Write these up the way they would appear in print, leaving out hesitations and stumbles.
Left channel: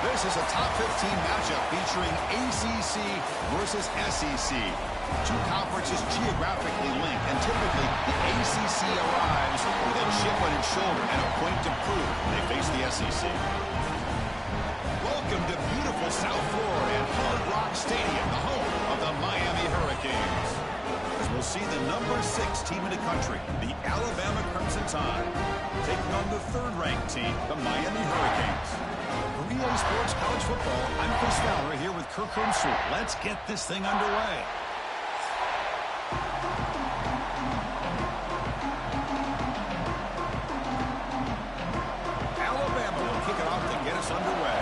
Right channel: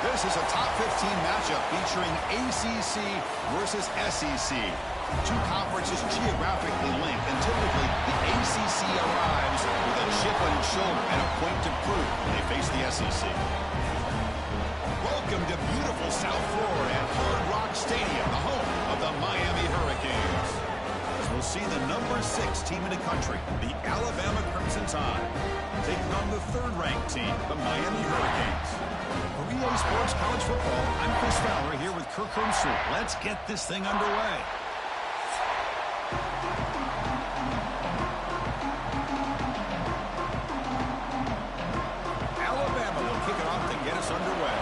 This is a top 15 matchup featuring ACC versus SEC. Two conferences geographically linked, and typically the ACC arrives with a chip on its shoulder and a point to prove they face the SEC. Welcome to beautiful South Florida at Hard Rock Stadium, the home of the Miami Hurricanes. As we'll see the number 6 team in the country, the Alabama Crimson Tide, taking on the third-ranked team, the Miami Hurricanes. For EA Sports College Football, I'm Chris Fowler here with Kirk Hermsel. Let's get this thing underway. Alabama will kick it off to get us underway.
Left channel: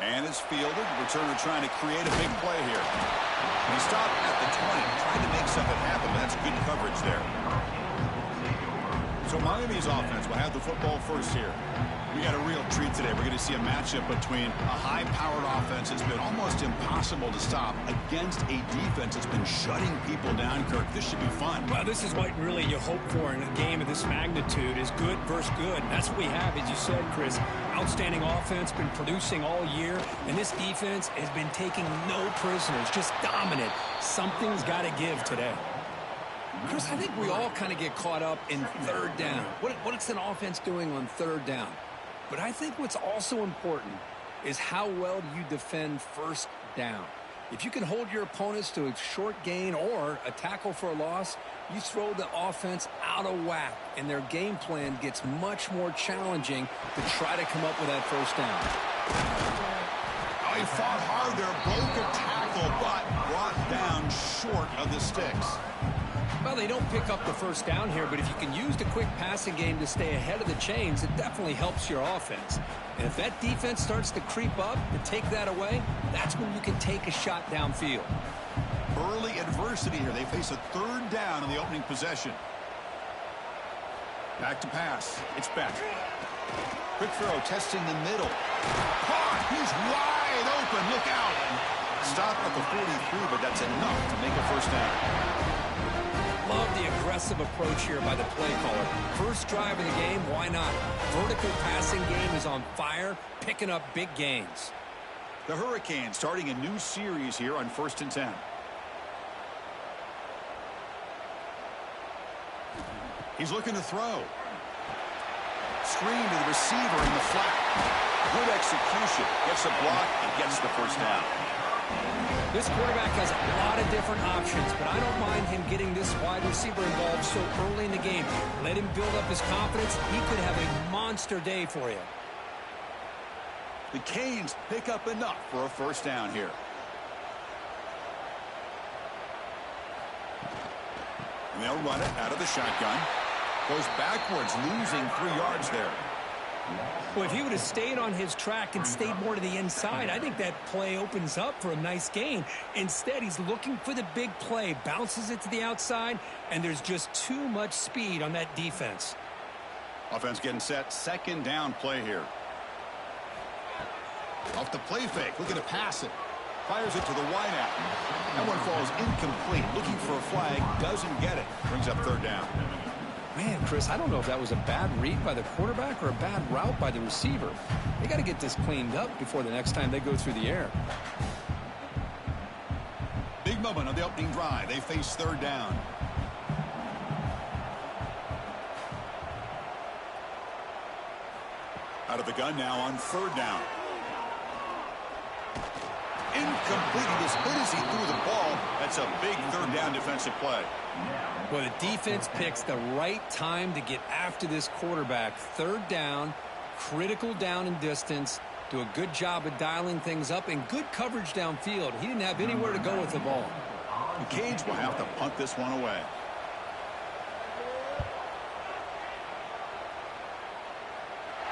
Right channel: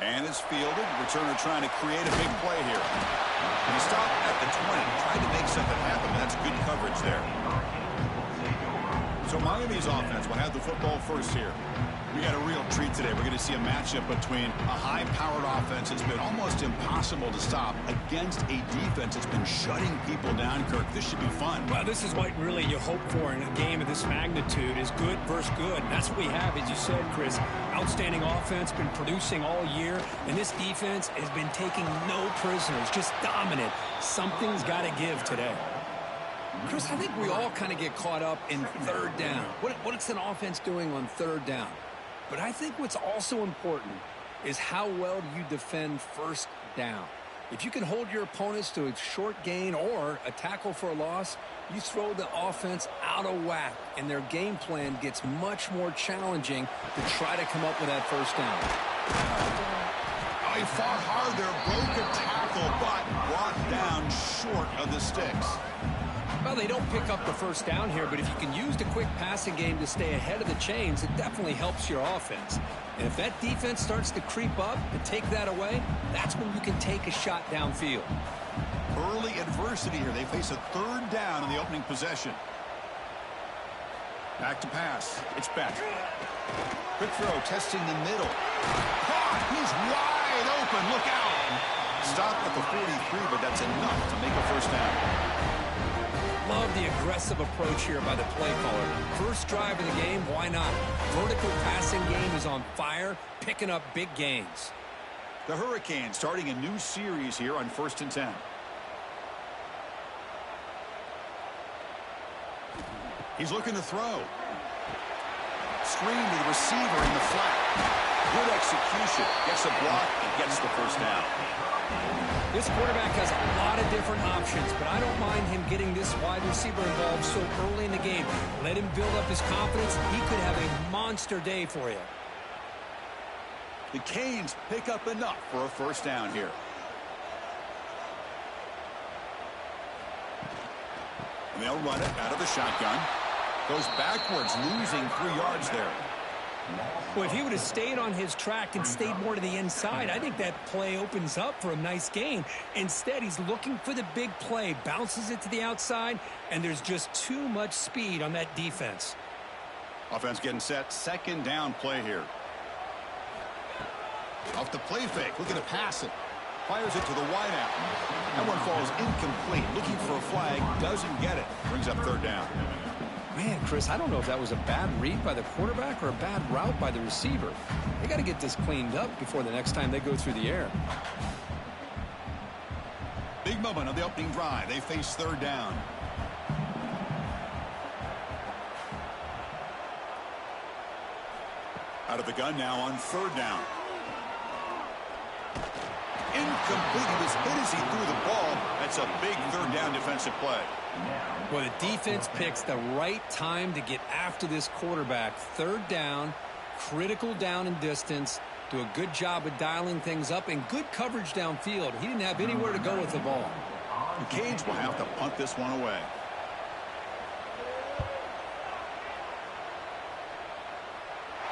And it's fielded. Returner trying to create a big play here. He stopped at the 20, tried to make something happen, but that's good coverage there. So Miami's offense will have the football first here. We got a real treat today. We're going to see a matchup between a high-powered offense that's been almost impossible to stop against a defense that's been shutting people down, Kirk. This should be fun. Well, this is what really you hope for in a game of this magnitude is good versus good. And that's what we have, as you said, Chris. Outstanding offense, been producing all year. And this defense has been taking no prisoners, just dominant. Something's got to give today. Chris, I think we all kind of get caught up in third down. What's an offense doing on third down? But I think what's also important is how well you defend first down. If you can hold your opponents to a short gain or a tackle for a loss, you throw the offense out of whack, and their game plan gets much more challenging to try to come up with that first down. Oh, he fought hard there, broke a tackle, but brought down short of the sticks. Well, they don't pick up the first down here, but if you can use the quick passing game to stay ahead of the chains, it definitely helps your offense. And if that defense starts to creep up and take that away, that's when you can take a shot downfield. Early adversity here. They face a third down in the opening possession. Back to pass. It's Beck. Quick throw, testing the middle. Caught. He's wide open. Look out. Stop at the 43, but that's enough to make a first down. Love the aggressive approach here by the play caller. First drive of the game, why not? Vertical passing game is on fire, picking up big gains. The Hurricanes starting a new series here on 1st and 10. He's looking to throw. Screen to the receiver in the flat. Good execution. Gets a block and gets the first down. This quarterback has a lot of different options, but I don't mind him getting this wide receiver involved so early in the game. Let him build up his confidence. He could have a monster day for you. The Canes pick up enough for a first down here. And they'll run it out of the shotgun. Goes backwards, losing 3 yards there. Well, if he would have stayed on his track and stayed more to the inside, I think that play opens up for a nice gain. Instead, he's looking for the big play, bounces it to the outside, and there's just too much speed on that defense. Offense getting set. Second down play here. Off the play fake, looking to pass it. Fires it to the wideout. That one falls incomplete. Looking for a flag, doesn't get it. Brings up third down. Man, Chris, I don't know if that was a bad read by the quarterback or a bad route by the receiver. They got to get this cleaned up before the next time they go through the air. Big moment on the opening drive. They face third down. Out of the gun now on third down. Incomplete. He was hit as he threw the ball. That's a big third down defensive play. Well, the defense picks the right time to get after this quarterback. Third down, critical down and distance. Do a good job of dialing things up and good coverage downfield. He didn't have anywhere to go with the ball. The Canes will have to punt this one away.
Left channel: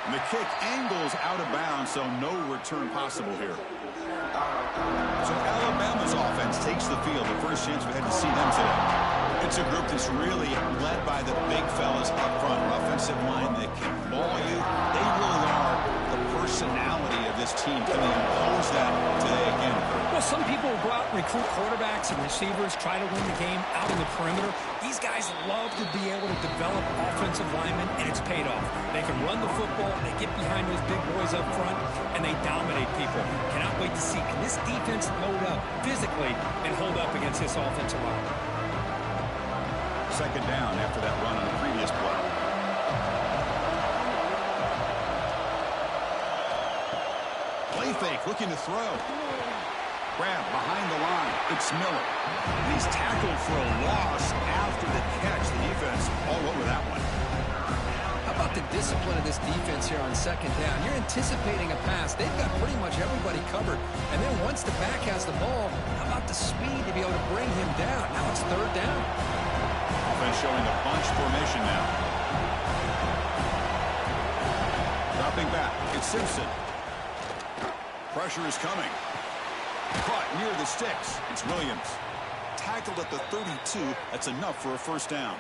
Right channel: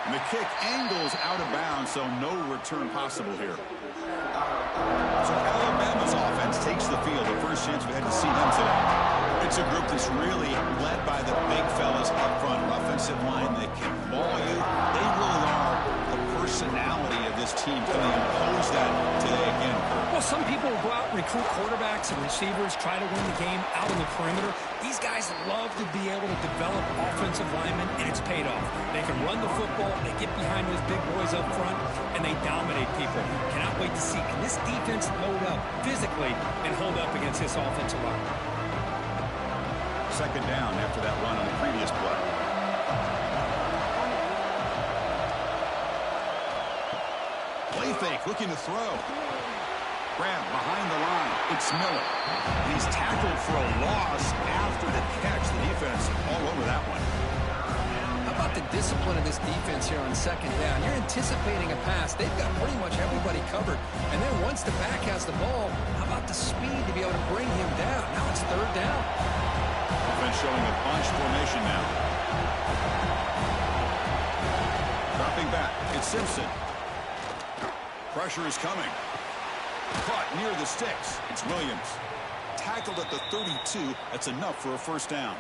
And the kick angles out of bounds, so no return possible here. So Alabama's offense takes the field. The first chance we had to see them today. It's a group that's really led by the big fellas up front. An offensive line that can ball you. They really are the personality of this team? Can they impose that today again, Kurt? Well, some people will go out and recruit quarterbacks and receivers, try to win the game out on the perimeter. These guys love to be able to develop offensive linemen, and it's paid off. They can run the football, they get behind those big boys up front, and they dominate people. Cannot wait to see, can this defense load up physically and hold up against this offensive line? Second down after that run on the previous play. Play fake, looking to throw. Grab behind the line. It's Miller. And he's tackled for a loss after the catch. The defense all over that one. How about the discipline of this defense here on second down? You're anticipating a pass. They've got pretty much everybody covered. And then once the back has the ball, how about the speed to be able to bring him down? Now it's third down. Offense showing a bunch formation now. Dropping back. It's Simpson. Pressure is coming. Caught near the sticks. It's Williams. Tackled at the 32. That's enough for a first down.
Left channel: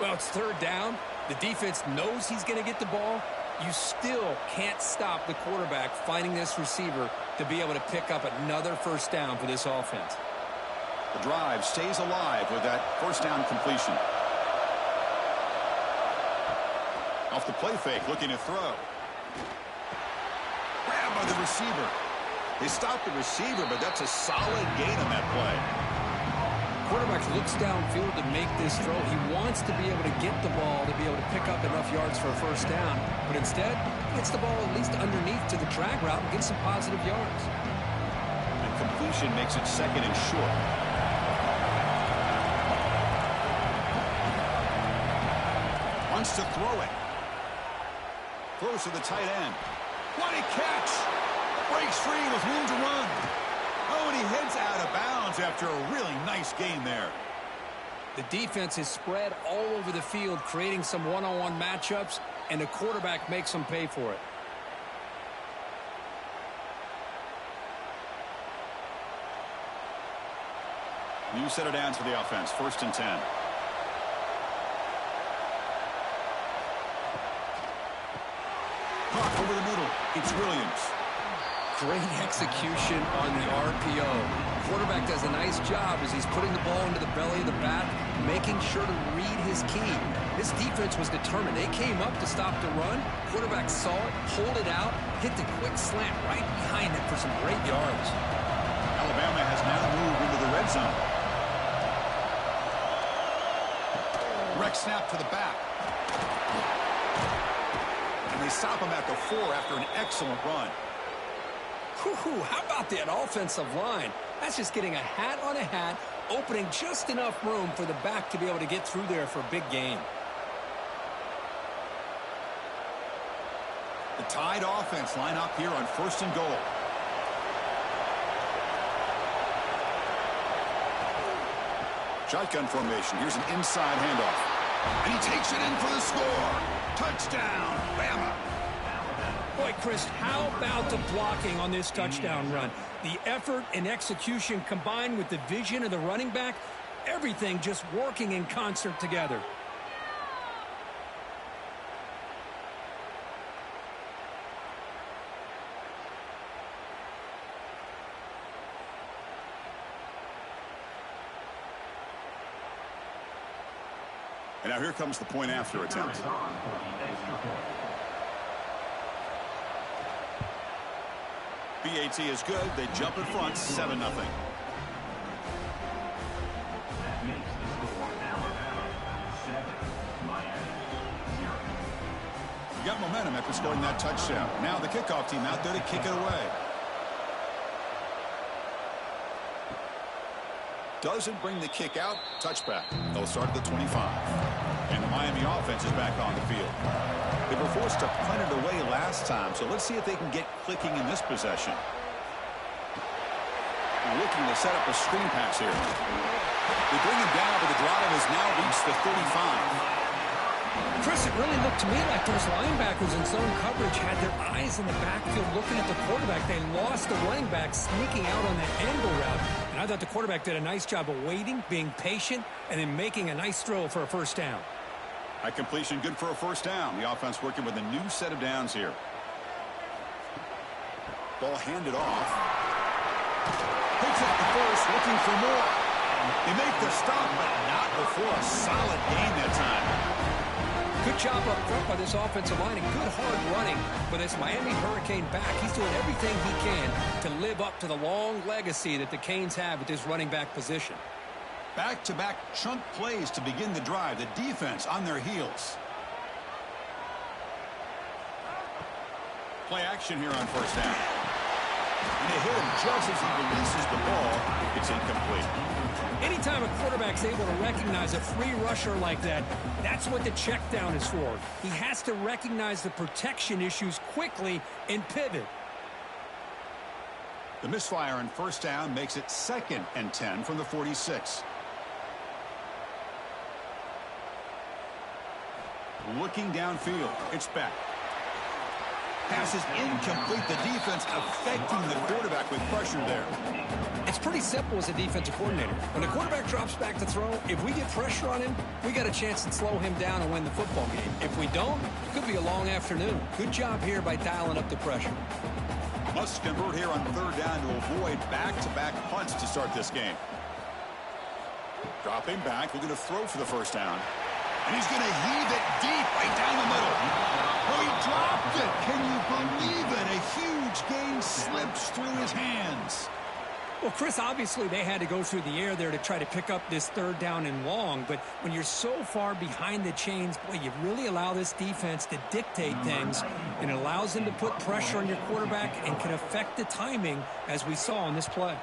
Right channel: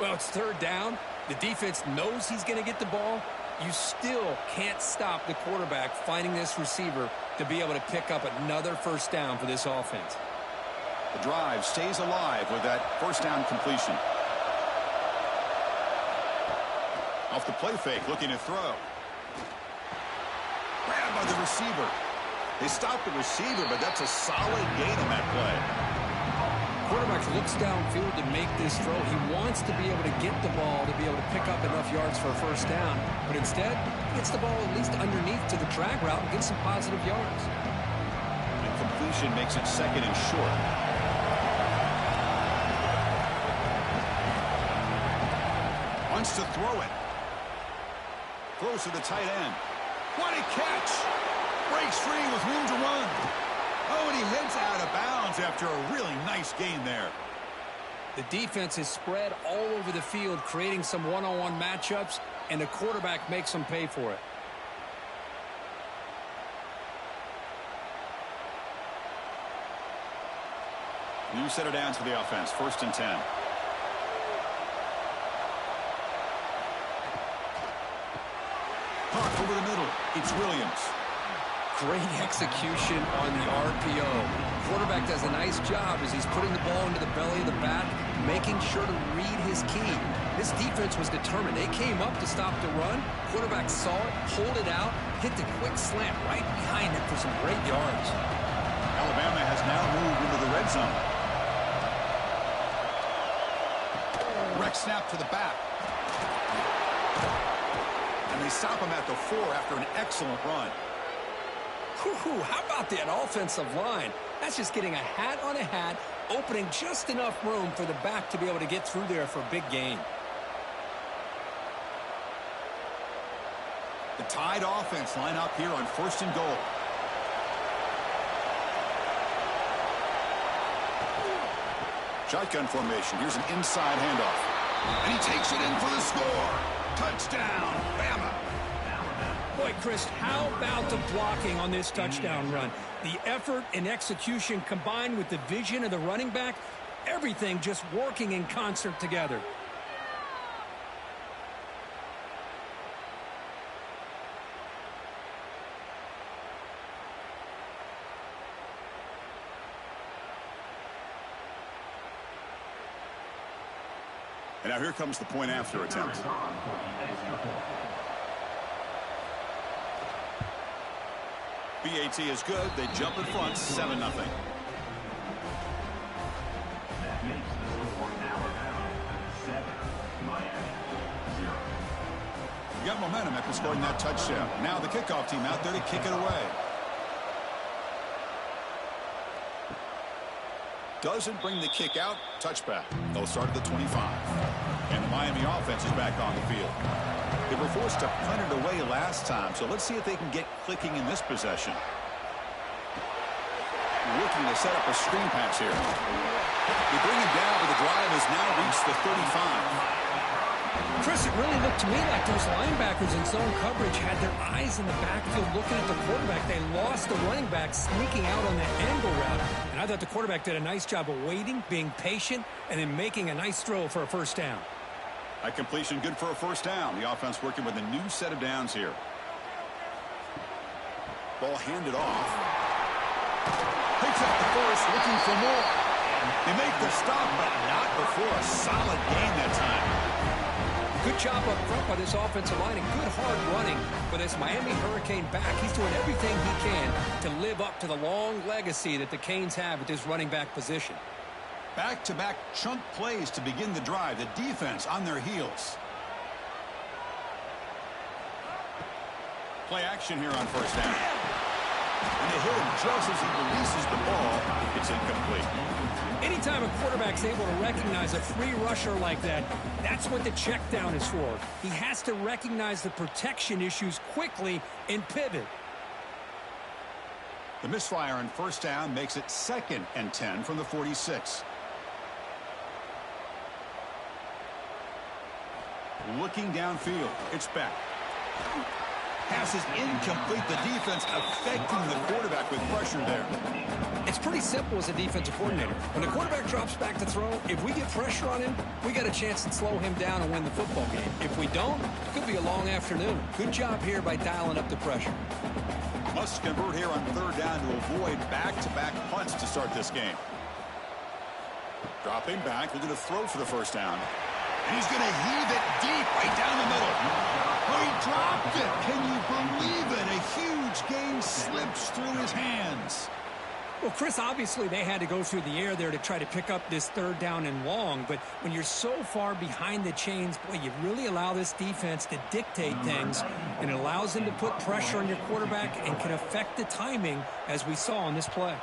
Well, it's third down. The defense knows he's going to get the ball. You still can't stop the quarterback finding this receiver to be able to pick up another first down for this offense. The drive stays alive with that first down completion. Off the play fake, looking to throw. Grabbed by the receiver. They stopped the receiver, but that's a solid gain on that play. Quarterback looks downfield to make this throw. He wants to be able to get the ball to be able to pick up enough yards for a first down. But instead, he gets the ball at least underneath to the drag route and gets some positive yards. And completion makes it second and short. Wants to throw it. Throws to the tight end. What a catch! Breaks free with room to run. Oh, and he heads out of bounds after a really nice gain there. The defense is spread all over the field, creating some one-on-one matchups, and the quarterback makes them pay for it. New set of downs for the offense. First and 10. Hawk over the middle. It's Williams. Great execution on the RPO. Quarterback does a nice job as he's putting the ball into the belly of the bat, making sure to read his key. This defense was determined. They came up to stop the run. Quarterback saw it, pulled it out, hit the quick slant right behind it for some great yards. Alabama has now moved into the red zone. Wreck snap to the back. And they stop him at the 4 after an excellent run. Whew, how about that offensive line? That's just getting a hat on a hat, opening just enough room for the back to be able to get through there for a big gain. The Tide offense line up here on first and goal. Shotgun formation. Here's an inside handoff. And he takes it in for the score. Touchdown, Bama. Boy, Chris, how about the blocking on this touchdown run? The effort and execution combined with the vision of the running back, everything just working in concert together. And now here comes the point after attempt. BAT is good. They jump in front, 7-0. That makes the score Alabama 7, Miami 0. You got momentum after scoring that touchdown. Now the kickoff team out there to kick it away. Doesn't bring the kick out. Touchback. They'll start at the 25. And the Miami offense is back on the field. They were forced to punt it away last time, so let's see if they can get clicking in this possession. Looking to set up a screen pass here. They bring him down, but the drive has now reached the 35. Chris, it really looked to me like those linebackers in zone coverage had their eyes in the backfield looking at the quarterback. They lost the running back sneaking out on the angle route. And I thought the quarterback did a nice job of waiting, being patient, and then making a nice throw for a first down. That completion good for a first down. The offense working with a new set of downs here. Ball handed off. Picks up the first, looking for more. They make the stop, but not before a solid gain that time. Good job up front by this offensive line and good hard running for this Miami Hurricane back. He's doing everything he can to live up to the long legacy that the Canes have at this running back position. Back-to-back chunk plays to begin the drive. The defense on their heels. Play action here on first down. And they hit him just as he releases the ball. It's incomplete. Anytime a quarterback's able to recognize a free rusher like that, that's what the check down is for. He has to recognize the protection issues quickly and pivot. The misfire on first down makes it 2nd and 10 from the 46. Looking downfield. It's back. Pass is incomplete. The defense affecting the quarterback with pressure there. It's pretty simple as a defensive coordinator. When the quarterback drops back to throw, if we get pressure on him, we got a chance to slow him down and win the football game. If we don't, it could be a long afternoon. Good job here by dialing up the pressure. Must convert here on third down to avoid back-to-back punts to start this game. Dropping back, looking to throw for the first down. And he's going to heave it deep right down the middle. Oh, he dropped it. Can you believe it? A huge gain slips through his hands. Well, Chris, obviously they had to go through the air there to try to pick up this third down and long. But when you're so far behind the chains, boy, you really allow this defense to dictate things. And it allows them to put pressure on your quarterback and can affect the timing, as we saw on this play.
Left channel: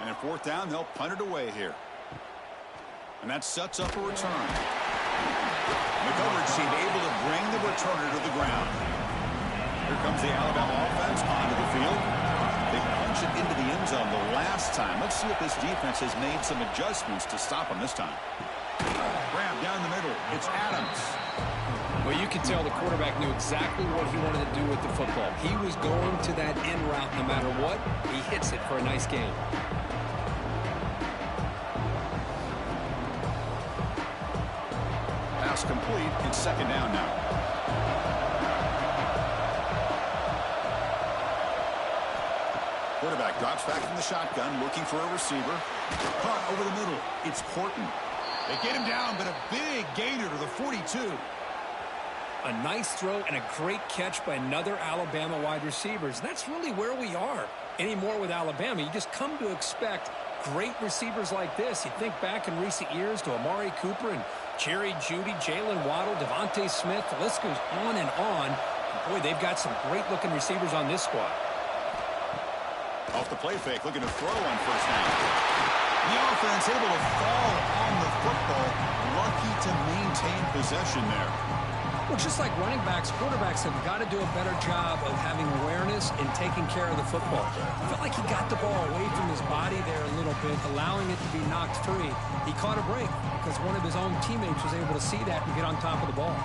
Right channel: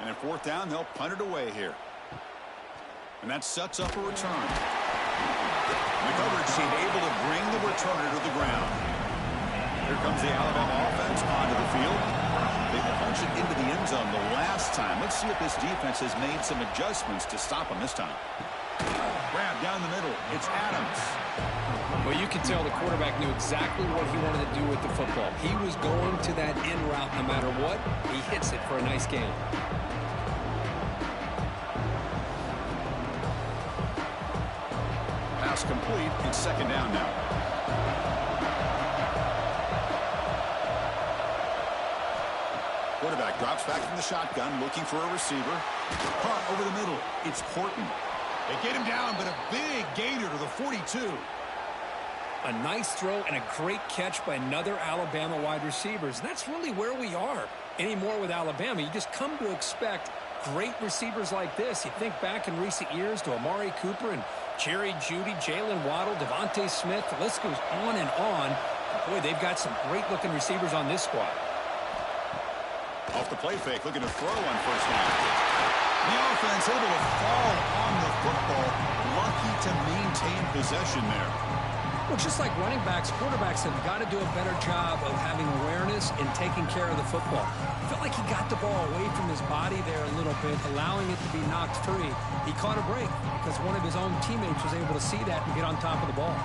And in fourth down, they'll punt it away here. And that sets up a return. The coverage team able to bring the returner to the ground. Here comes the Alabama offense onto the field. They punch it into the end zone the last time. Let's see if this defense has made some adjustments to stop them this time. Grab down the middle. It's Adams. Well, you can tell the quarterback knew exactly what he wanted to do with the football. He was going to that in route no matter what. He hits it for a nice gain. Pass complete. It's second down now. Quarterback drops back from the shotgun, looking for a receiver. Caught over the middle. It's Horton. They get him down, but a big gainer to the 42. A nice throw and a great catch by another Alabama wide receivers. And that's really where we are anymore with Alabama. You just come to expect great receivers like this. You think back in recent years to Amari Cooper and Jerry Jeudy, Jalen Waddle, Devontae Smith. The list goes on and on. And boy, they've got some great-looking receivers on this squad. Off the play fake, looking to throw on first down. The offense able to fall on the football. Lucky to maintain possession there. Well, just like running backs, quarterbacks have got to do a better job of having awareness and taking care of the football. I felt like he got the ball away from his body there a little bit, allowing it to be knocked free. He caught a break because one of his own teammates was able to see that and get on top of the ball.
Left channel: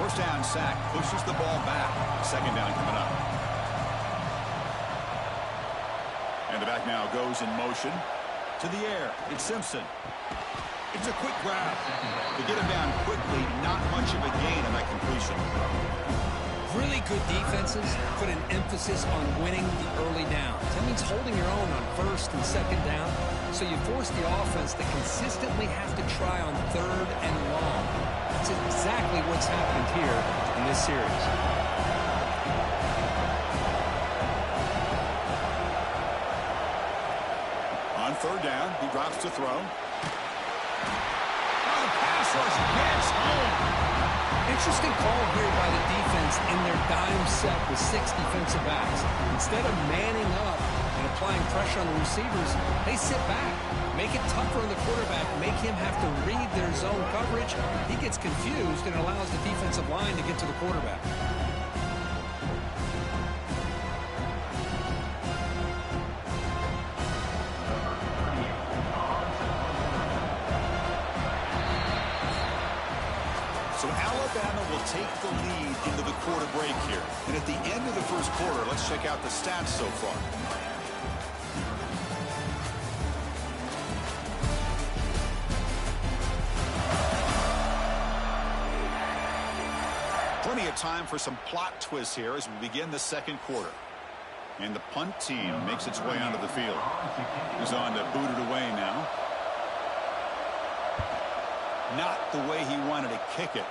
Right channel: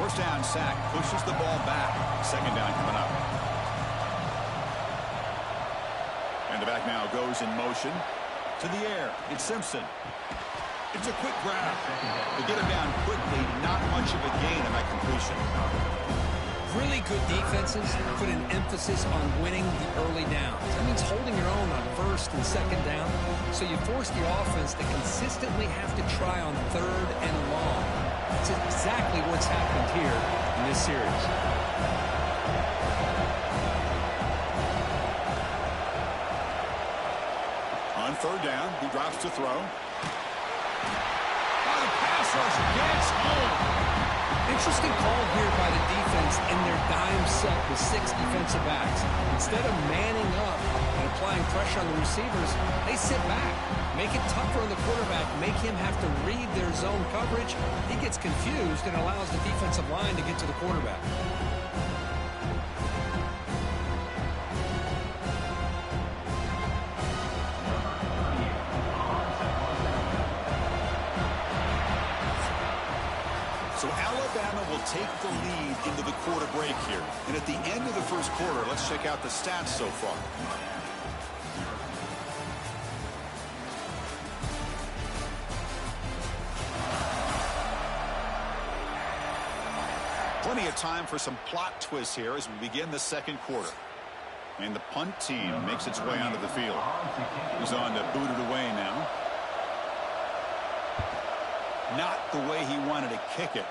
First down sack, pushes the ball back. Second down coming up. And the back now goes in motion to the air. It's Simpson. It's a quick grab. They get him down quickly. Not much of a gain on that completion. Really good defenses put an emphasis on winning the early downs. That means holding your own on first and second down. So you force the offense to consistently have to try on third and long. That's exactly what's happened here in this series. On third down, he drops to throw. Oh, the pass rush gets home. Interesting call here by the defense in their dime set with 6 defensive backs. Instead of manning up and applying pressure on the receivers, they sit back, make it tougher on the quarterback, make him have to read their zone coverage. He gets confused and allows the defensive line to get to the quarterback. So Alabama will take the lead into the quarter break here. And at the end of the first quarter, let's check out the stats so far. Plenty of time for some plot twists here as we begin the second quarter. And the punt team makes its way onto the field. He's on to boot it away now. Not the way he wanted to kick it.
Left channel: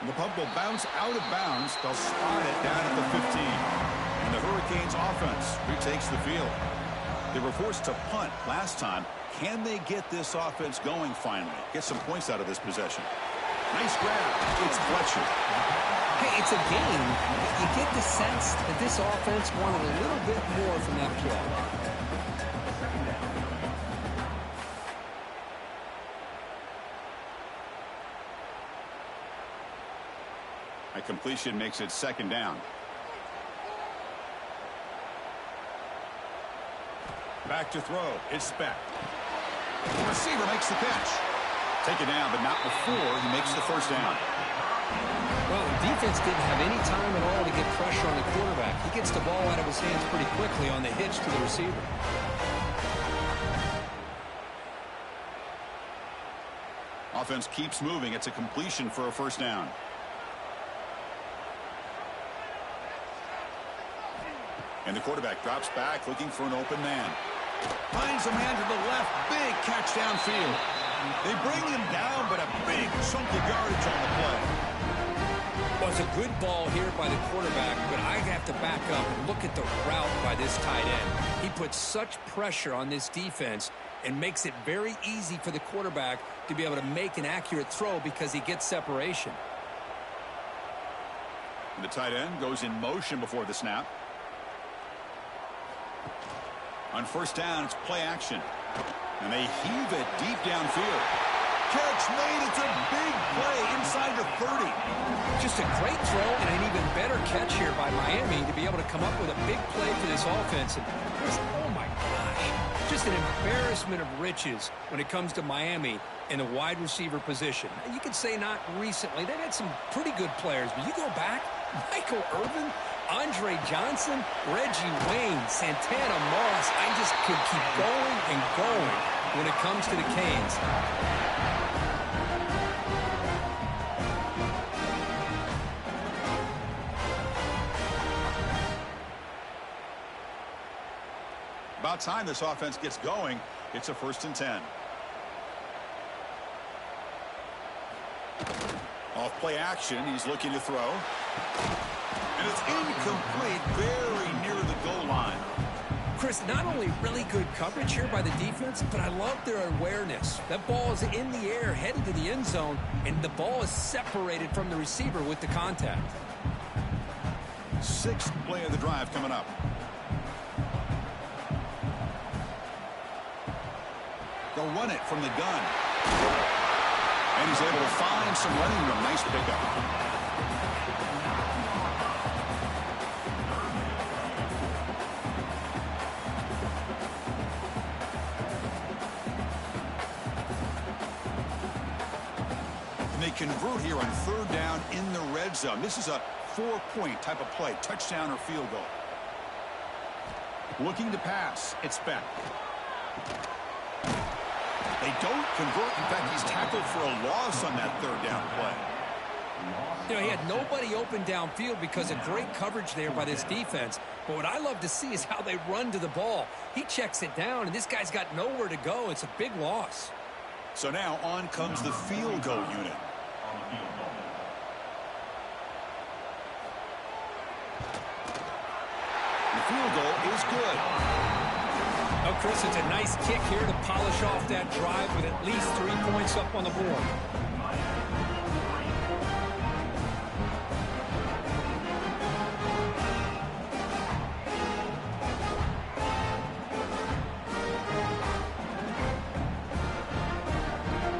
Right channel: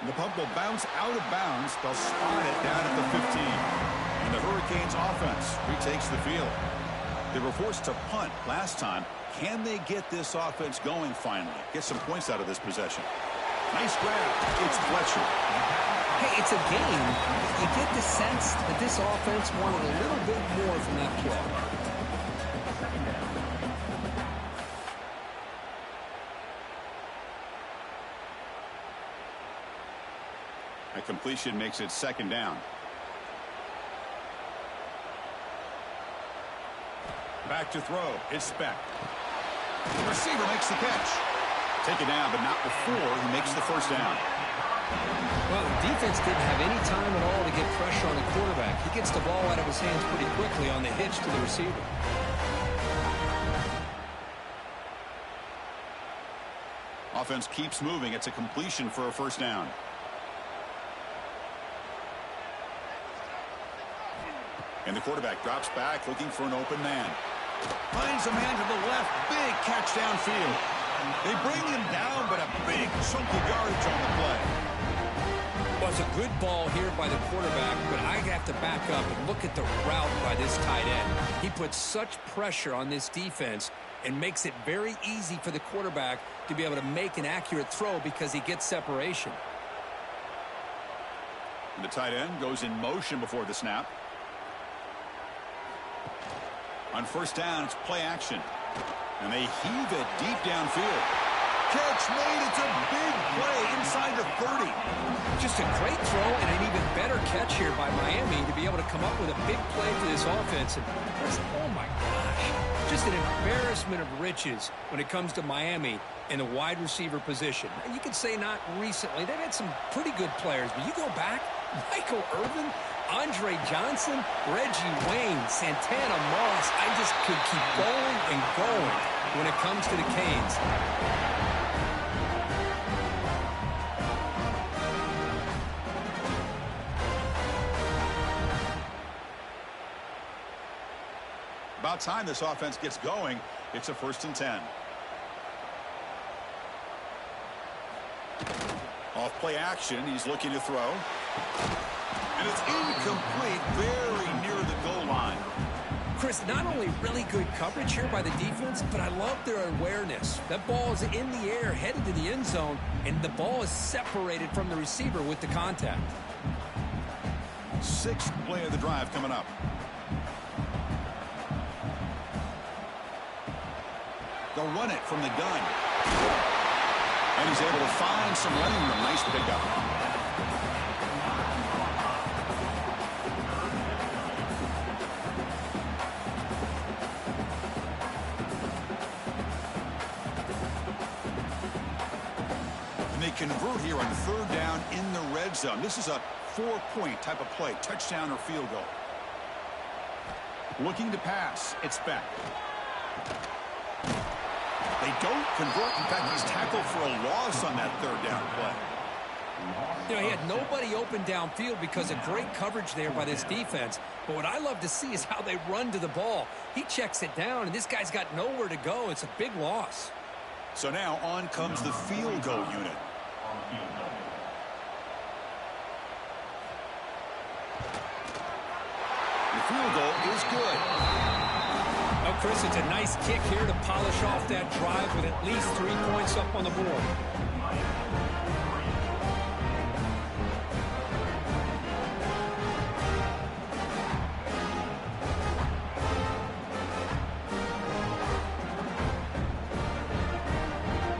And the punt will bounce out of bounds. They'll spot it down at the 15. And the Hurricanes offense retakes the field. They were forced to punt last time. Can they get this offense going finally? Get some points out of this possession. Nice grab. It's Fletcher. Hey, it's a game. You get the sense that this offense wanted a little bit more from that play. A completion makes it second down. Back to throw. It's Speck. The receiver makes the catch. Take it down, but not before he makes the first down. Well, the defense didn't have any time at all to get pressure on the quarterback. He gets the ball out of his hands pretty quickly on the hitch to the receiver. Offense keeps moving. It's a completion for a first down. And the quarterback drops back looking for an open man. Finds a man to the left. Big catch downfield. They bring him down, but a big chunk of yardage on the play. Well, it's a good ball here by the quarterback, but I have to back up and look at the route by this tight end. He puts such pressure on this defense and makes it very easy for the quarterback to be able to make an accurate throw because he gets separation. And the tight end goes in motion before the snap. On first down, it's play action. And they heave it deep downfield. Catch made. It's a big play inside the 30. Just a great throw and an even better catch here by Miami to be able to come up with a big play for this offense. And oh my gosh, just an embarrassment of riches when it comes to Miami in the wide receiver position. Now, you could say not recently. They've had some pretty good players, but you go back, Michael Irvin, Andre Johnson, Reggie Wayne, Santana Moss. I just could keep going and going when it comes to the Canes. About time this offense gets going. It's a 1st and 10. Off play action. He's looking to throw. And it's incomplete, very near the goal line. Chris, not only really good coverage here by the defense, but I love their awareness. That ball is in the air, headed to the end zone, and the ball is separated from the receiver with the contact. 6th play of the drive coming up. They'll run it from the gun. And he's able to find some running room. Nice pickup. And they convert here on 3rd down in the red zone. This is a 4-point type of play. Touchdown or field goal. Looking to pass. It's Beck. They don't convert. In fact, he's tackled for a loss on that 3rd down play. You know, he had nobody open downfield because of great coverage there by this defense. But what I love to see is how they run to the ball. He checks it down, and this guy's got nowhere to go. It's a big loss. So now on comes the field goal unit. The field goal is good. Oh, Chris, it's a nice kick here to polish off that drive with at least 3 points up on the board.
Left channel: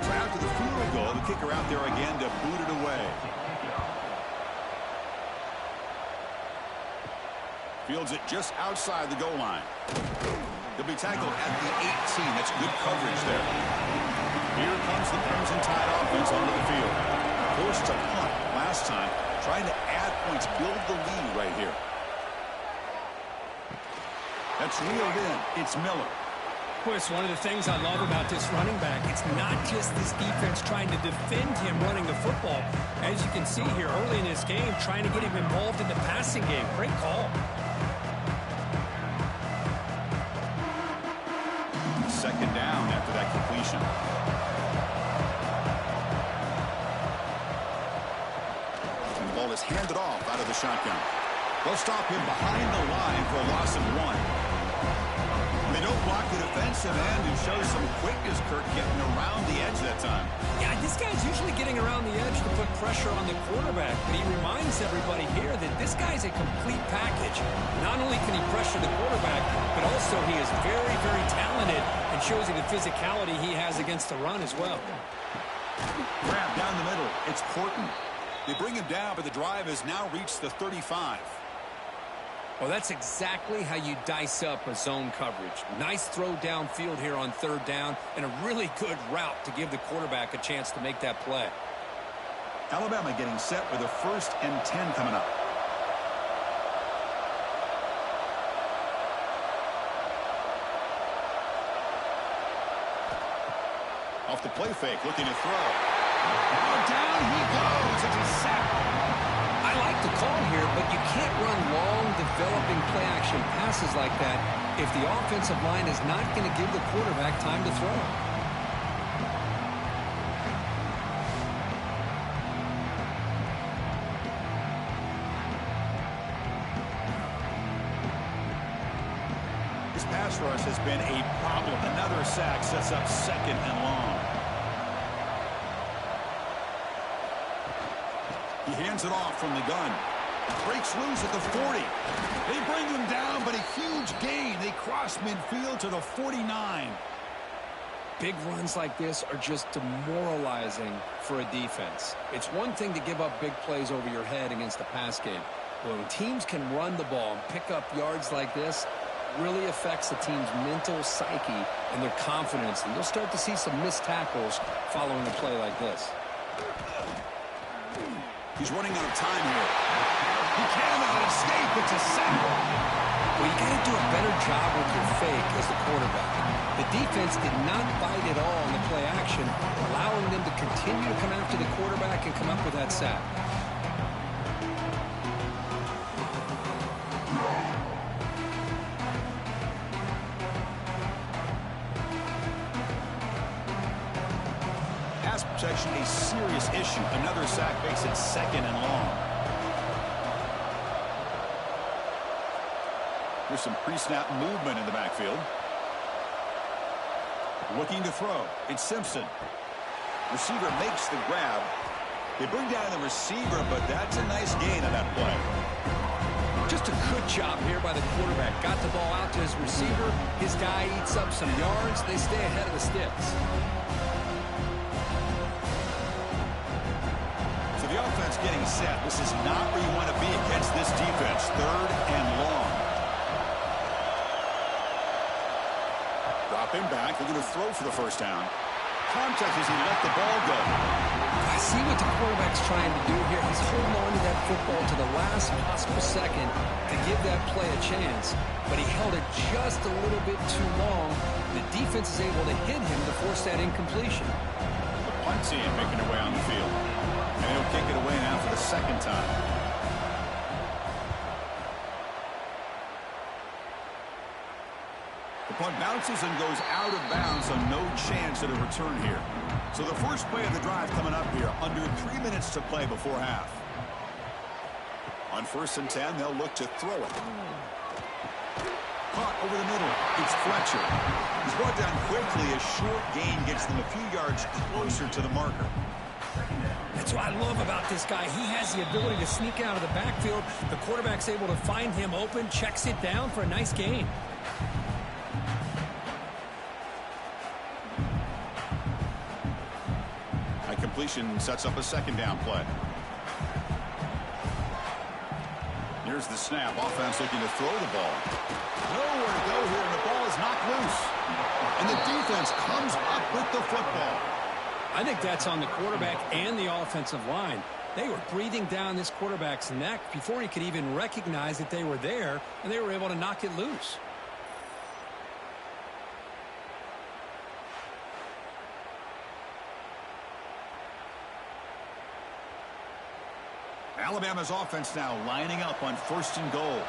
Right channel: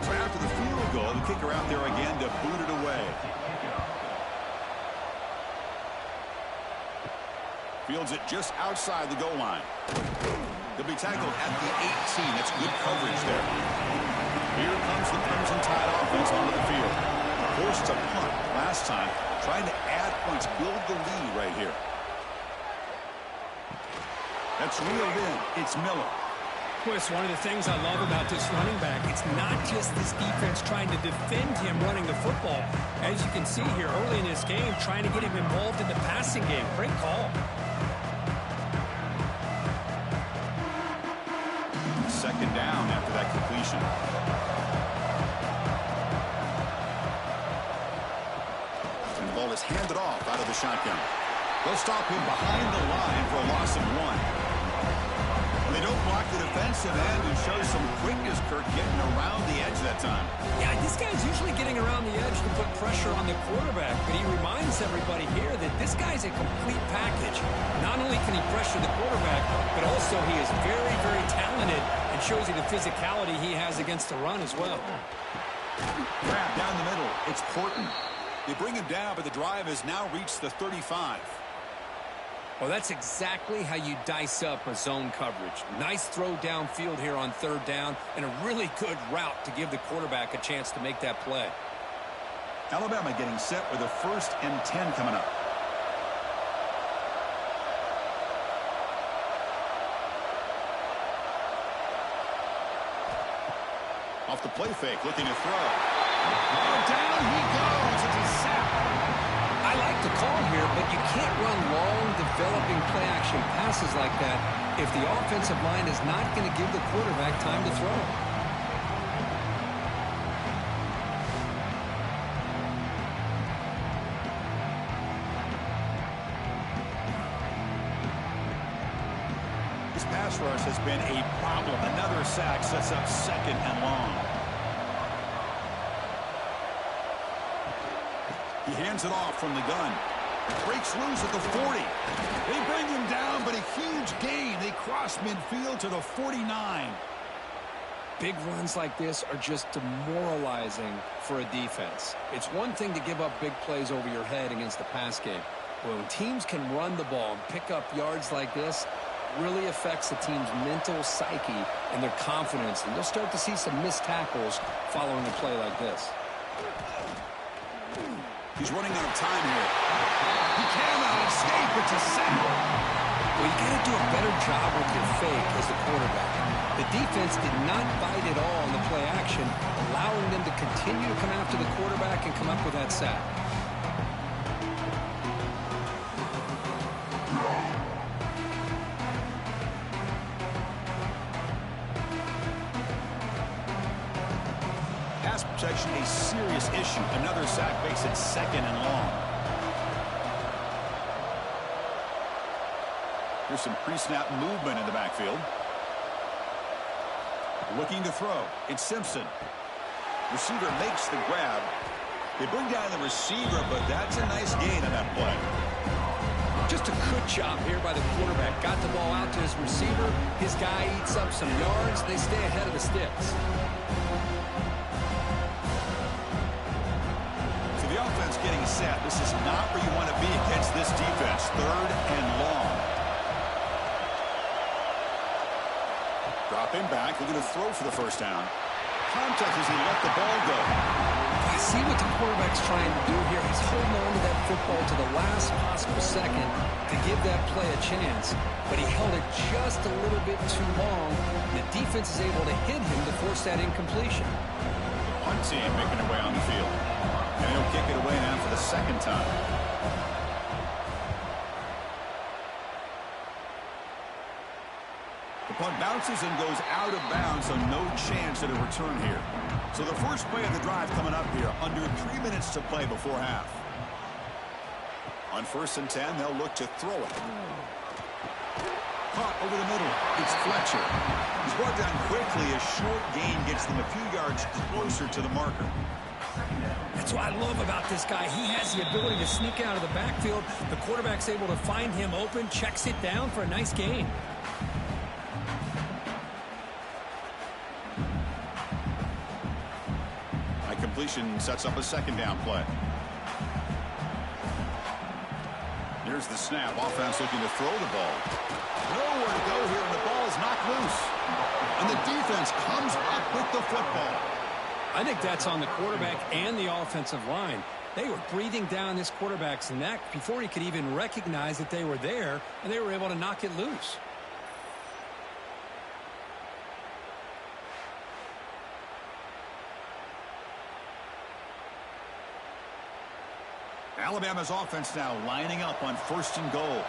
So after the field goal, the kicker out there again to boot it away. Fields it just outside the goal line. He'll be tackled at the 18. That's good coverage there. Here comes the Crimson Tide offense onto the field. Forced to punt last time. Trying to add points, build the lead right here. That's reeled in. It's Miller. Chris, one of the things I love about this running back, it's not just this defense trying to defend him running the football. As you can see here early in this game, trying to get him involved in the passing game. Great call. Second down after that completion. And the ball is handed off out of the shotgun. They'll stop him behind the line for a loss of 1. They don't block the defensive end and show some quickness, Kirk, getting around the edge that time. Yeah, this guy's usually getting around the edge to put pressure on the quarterback, but he reminds everybody here that this guy's a complete package. Not only can he pressure the quarterback, but also he is very, very talented and shows you the physicality he has against the run as well. Grab down the middle. It's Porton. They bring him down, but the drive has now reached the 35. Well, that's exactly how you dice up a zone coverage. Nice throw downfield here on third down, and a really good route to give the quarterback a chance to make that play. Alabama getting set with a 1st and 10 coming up. Off the play fake, looking to throw. Oh, down he goes. It's a sack. I like the call here, but you can't run long, developing play-action passes like that if the offensive line is not going to give the quarterback time to throw. This pass rush has been a problem. Another sack sets up 2nd and long. He hands it off from the gun. Breaks loose at the 40. They bring him down, but a huge gain. They cross midfield to the 49. Big runs like this are just demoralizing for a defense. It's one thing to give up big plays over your head against the pass game. But when teams can run the ball and pick up yards like this, it really affects the team's mental psyche and their confidence. And you'll start to see some missed tackles following a play like this. He's running out of time here. He cannot escape. It's a sack. Well, you got to do a better job with your fake as the quarterback. The defense did not bite at all in the play action, allowing them to continue to come after the quarterback and come up with that sack. Protection a serious issue. Another sack makes it 2nd and long. There's some pre-snap movement in the backfield. Looking to throw. It's Simpson. Receiver makes the grab. They bring down the receiver, but that's a nice gain on that play. Just a good job here by the quarterback. Got the ball out to his receiver. His guy eats up some yards. They stay ahead of the sticks. The offense getting set. This is not where you want to be against this defense. 3rd and long. Dropping back, looking to throw for the 1st down. Contact as he let the ball go. I see what the quarterback's trying to do here. He's holding on to that football to the last possible second to give that play a chance, but he held it just a little bit too long. The defense is able to hit him to force that incompletion. The punt team making their way on the field. And he'll kick it away now for the 2nd time. The punt bounces and goes out of bounds, so no chance at a return here. So the first play of the drive coming up here, under 3 minutes to play before half. On 1st and 10, they'll look to throw it. Caught over the middle. It's Fletcher. He's brought down quickly. A short gain gets them a few yards closer to the marker. That's what I love about this guy. He has the ability to sneak out of the backfield. The quarterback's able to find him open, checks it down for a nice gain. High completion sets up a 2nd down play. Here's the snap. Offense looking to throw the ball. Nowhere to go here, and the ball is knocked loose. And the defense comes up with the football. I think that's on the quarterback and the offensive line. They were breathing down this quarterback's neck before he could even recognize that they were there, and they were able to knock it loose. Alabama's offense now lining up on 1st and goal.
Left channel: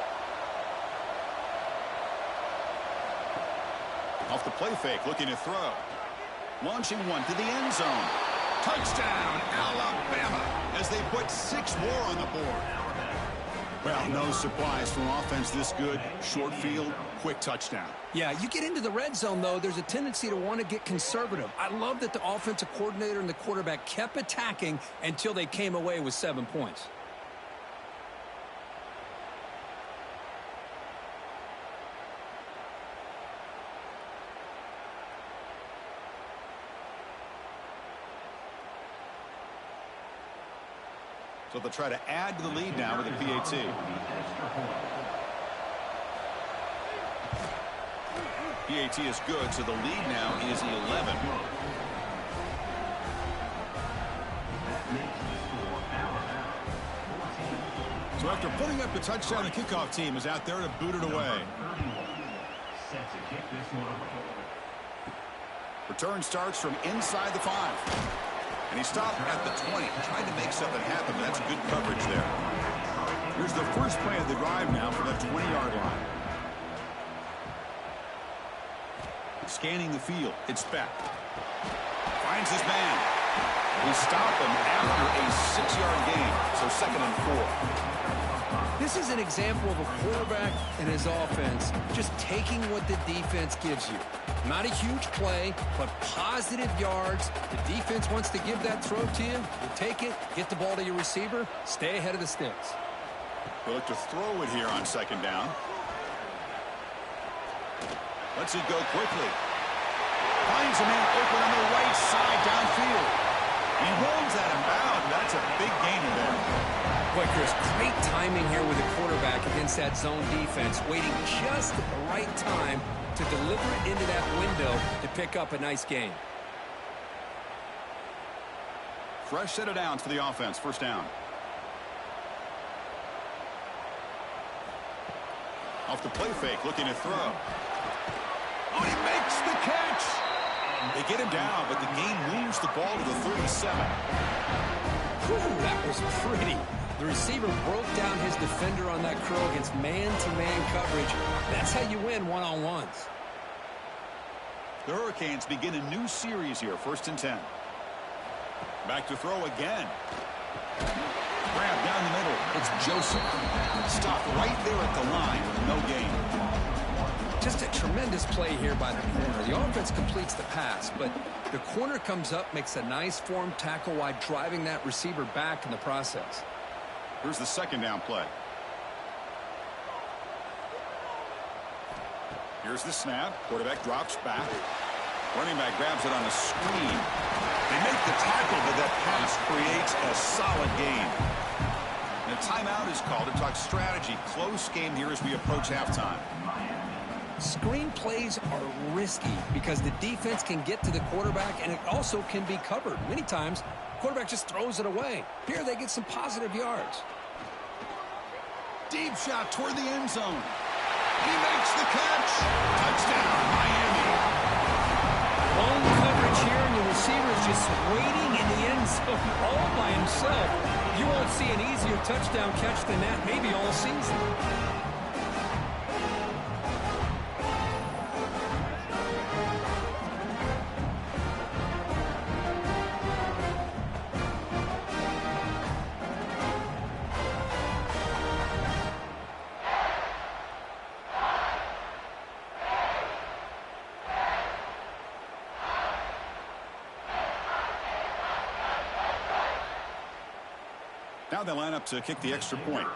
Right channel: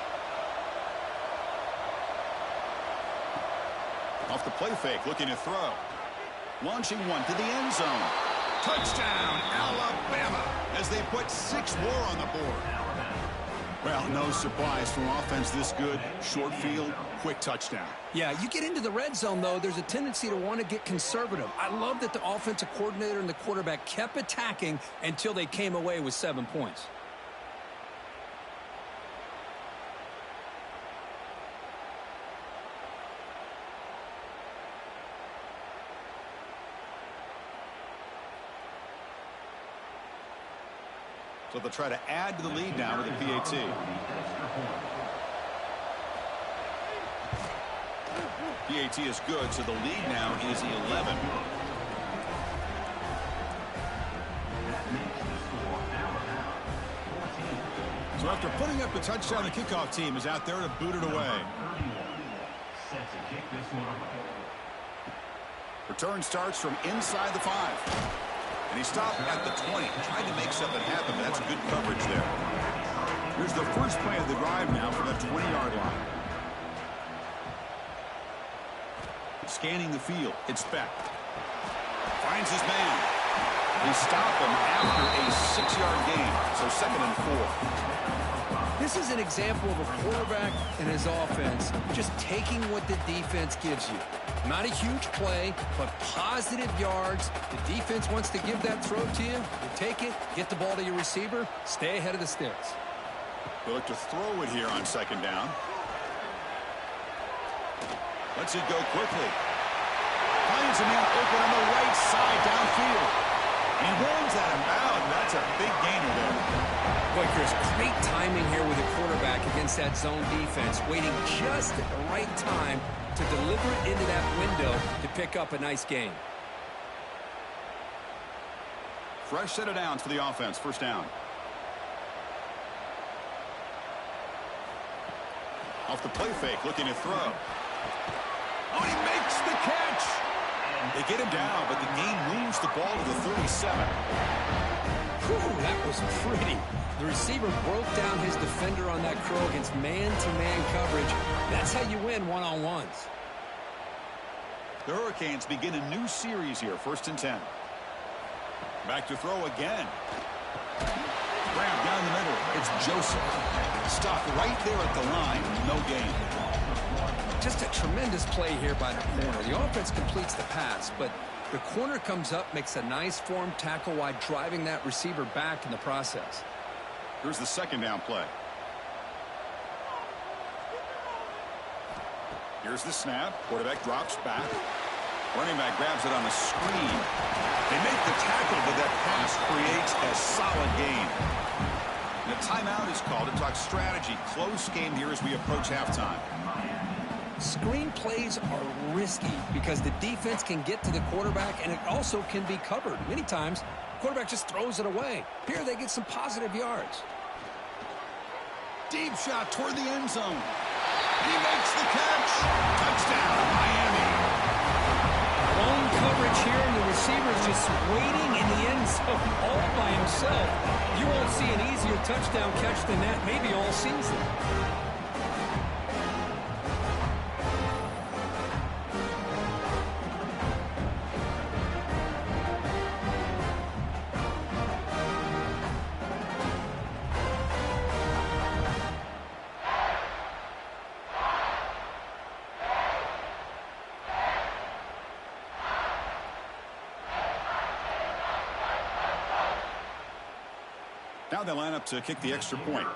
Off the play fake, looking to throw. Launching one to the end zone. Touchdown, Alabama, as they put 6 more on the board. Well, no surprise from offense this good. Short field, quick touchdown. Yeah, you get into the red zone, though, there's a tendency to want to get conservative. I love that the offensive coordinator and the quarterback kept attacking until they came away with 7 points. So they'll try to add to the lead now with a PAT. PAT is good, so the lead now is 11. That makes the score Alabama 14. So after putting up the touchdown, the kickoff team is out there to boot it away. 31. Set to kick this one away. Return starts from inside the 5. And he stopped at the 20, tried to make something happen, but that's good coverage there. Here's the first play of the drive now from the 20-yard line. Scanning the field, it's Beck. Finds his man. He stopped him after a 6-yard gain, so 2nd and 4. This is an example of a quarterback and his offense just taking what the defense gives you. Not a huge play, but positive yards. The defense wants to give that throw to you. You take it, get the ball to your receiver, stay ahead of the sticks. They look to throw it here on 2nd down. Lets it go quickly. Finds a man open on the right side downfield. He runs that inbound. That's a big gainer there. Boy, Chris, great timing here with the quarterback against that zone defense, waiting just at the right time to deliver it into that window to pick up a nice gain. Fresh set of downs for the offense. 1st down. Off the play fake, looking to throw. Oh, he makes the catch. They get him down, but the gain moves the ball to the 37. Whew, that was pretty. The receiver broke down his defender on that curl against man-to-man coverage. That's how you win one-on-ones. The Hurricanes begin a new series here, 1st and 10. Back to throw again. Grab down the middle. It's Joseph. Stopped right there at the line with no gain. Just a tremendous play here by the corner. The offense completes the pass, but the corner comes up, makes a nice form tackle while driving that receiver back in the process. Here's the 2nd down play. Here's the snap. Quarterback drops back. Running back grabs it on a screen. They make the tackle, but that pass creates a solid gain. And a timeout is called to talk strategy. Close game here as we approach halftime. Screen plays are risky because the defense can get to the quarterback, and it also can be covered. Many times, the quarterback just throws it away. Here they get some positive yards. Deep shot toward the end zone. He makes the catch. Touchdown, Miami. Long coverage here, and the receiver is just waiting in the end zone all by himself. You won't see an easier touchdown catch than that maybe all season. Now they line up to kick the extra point.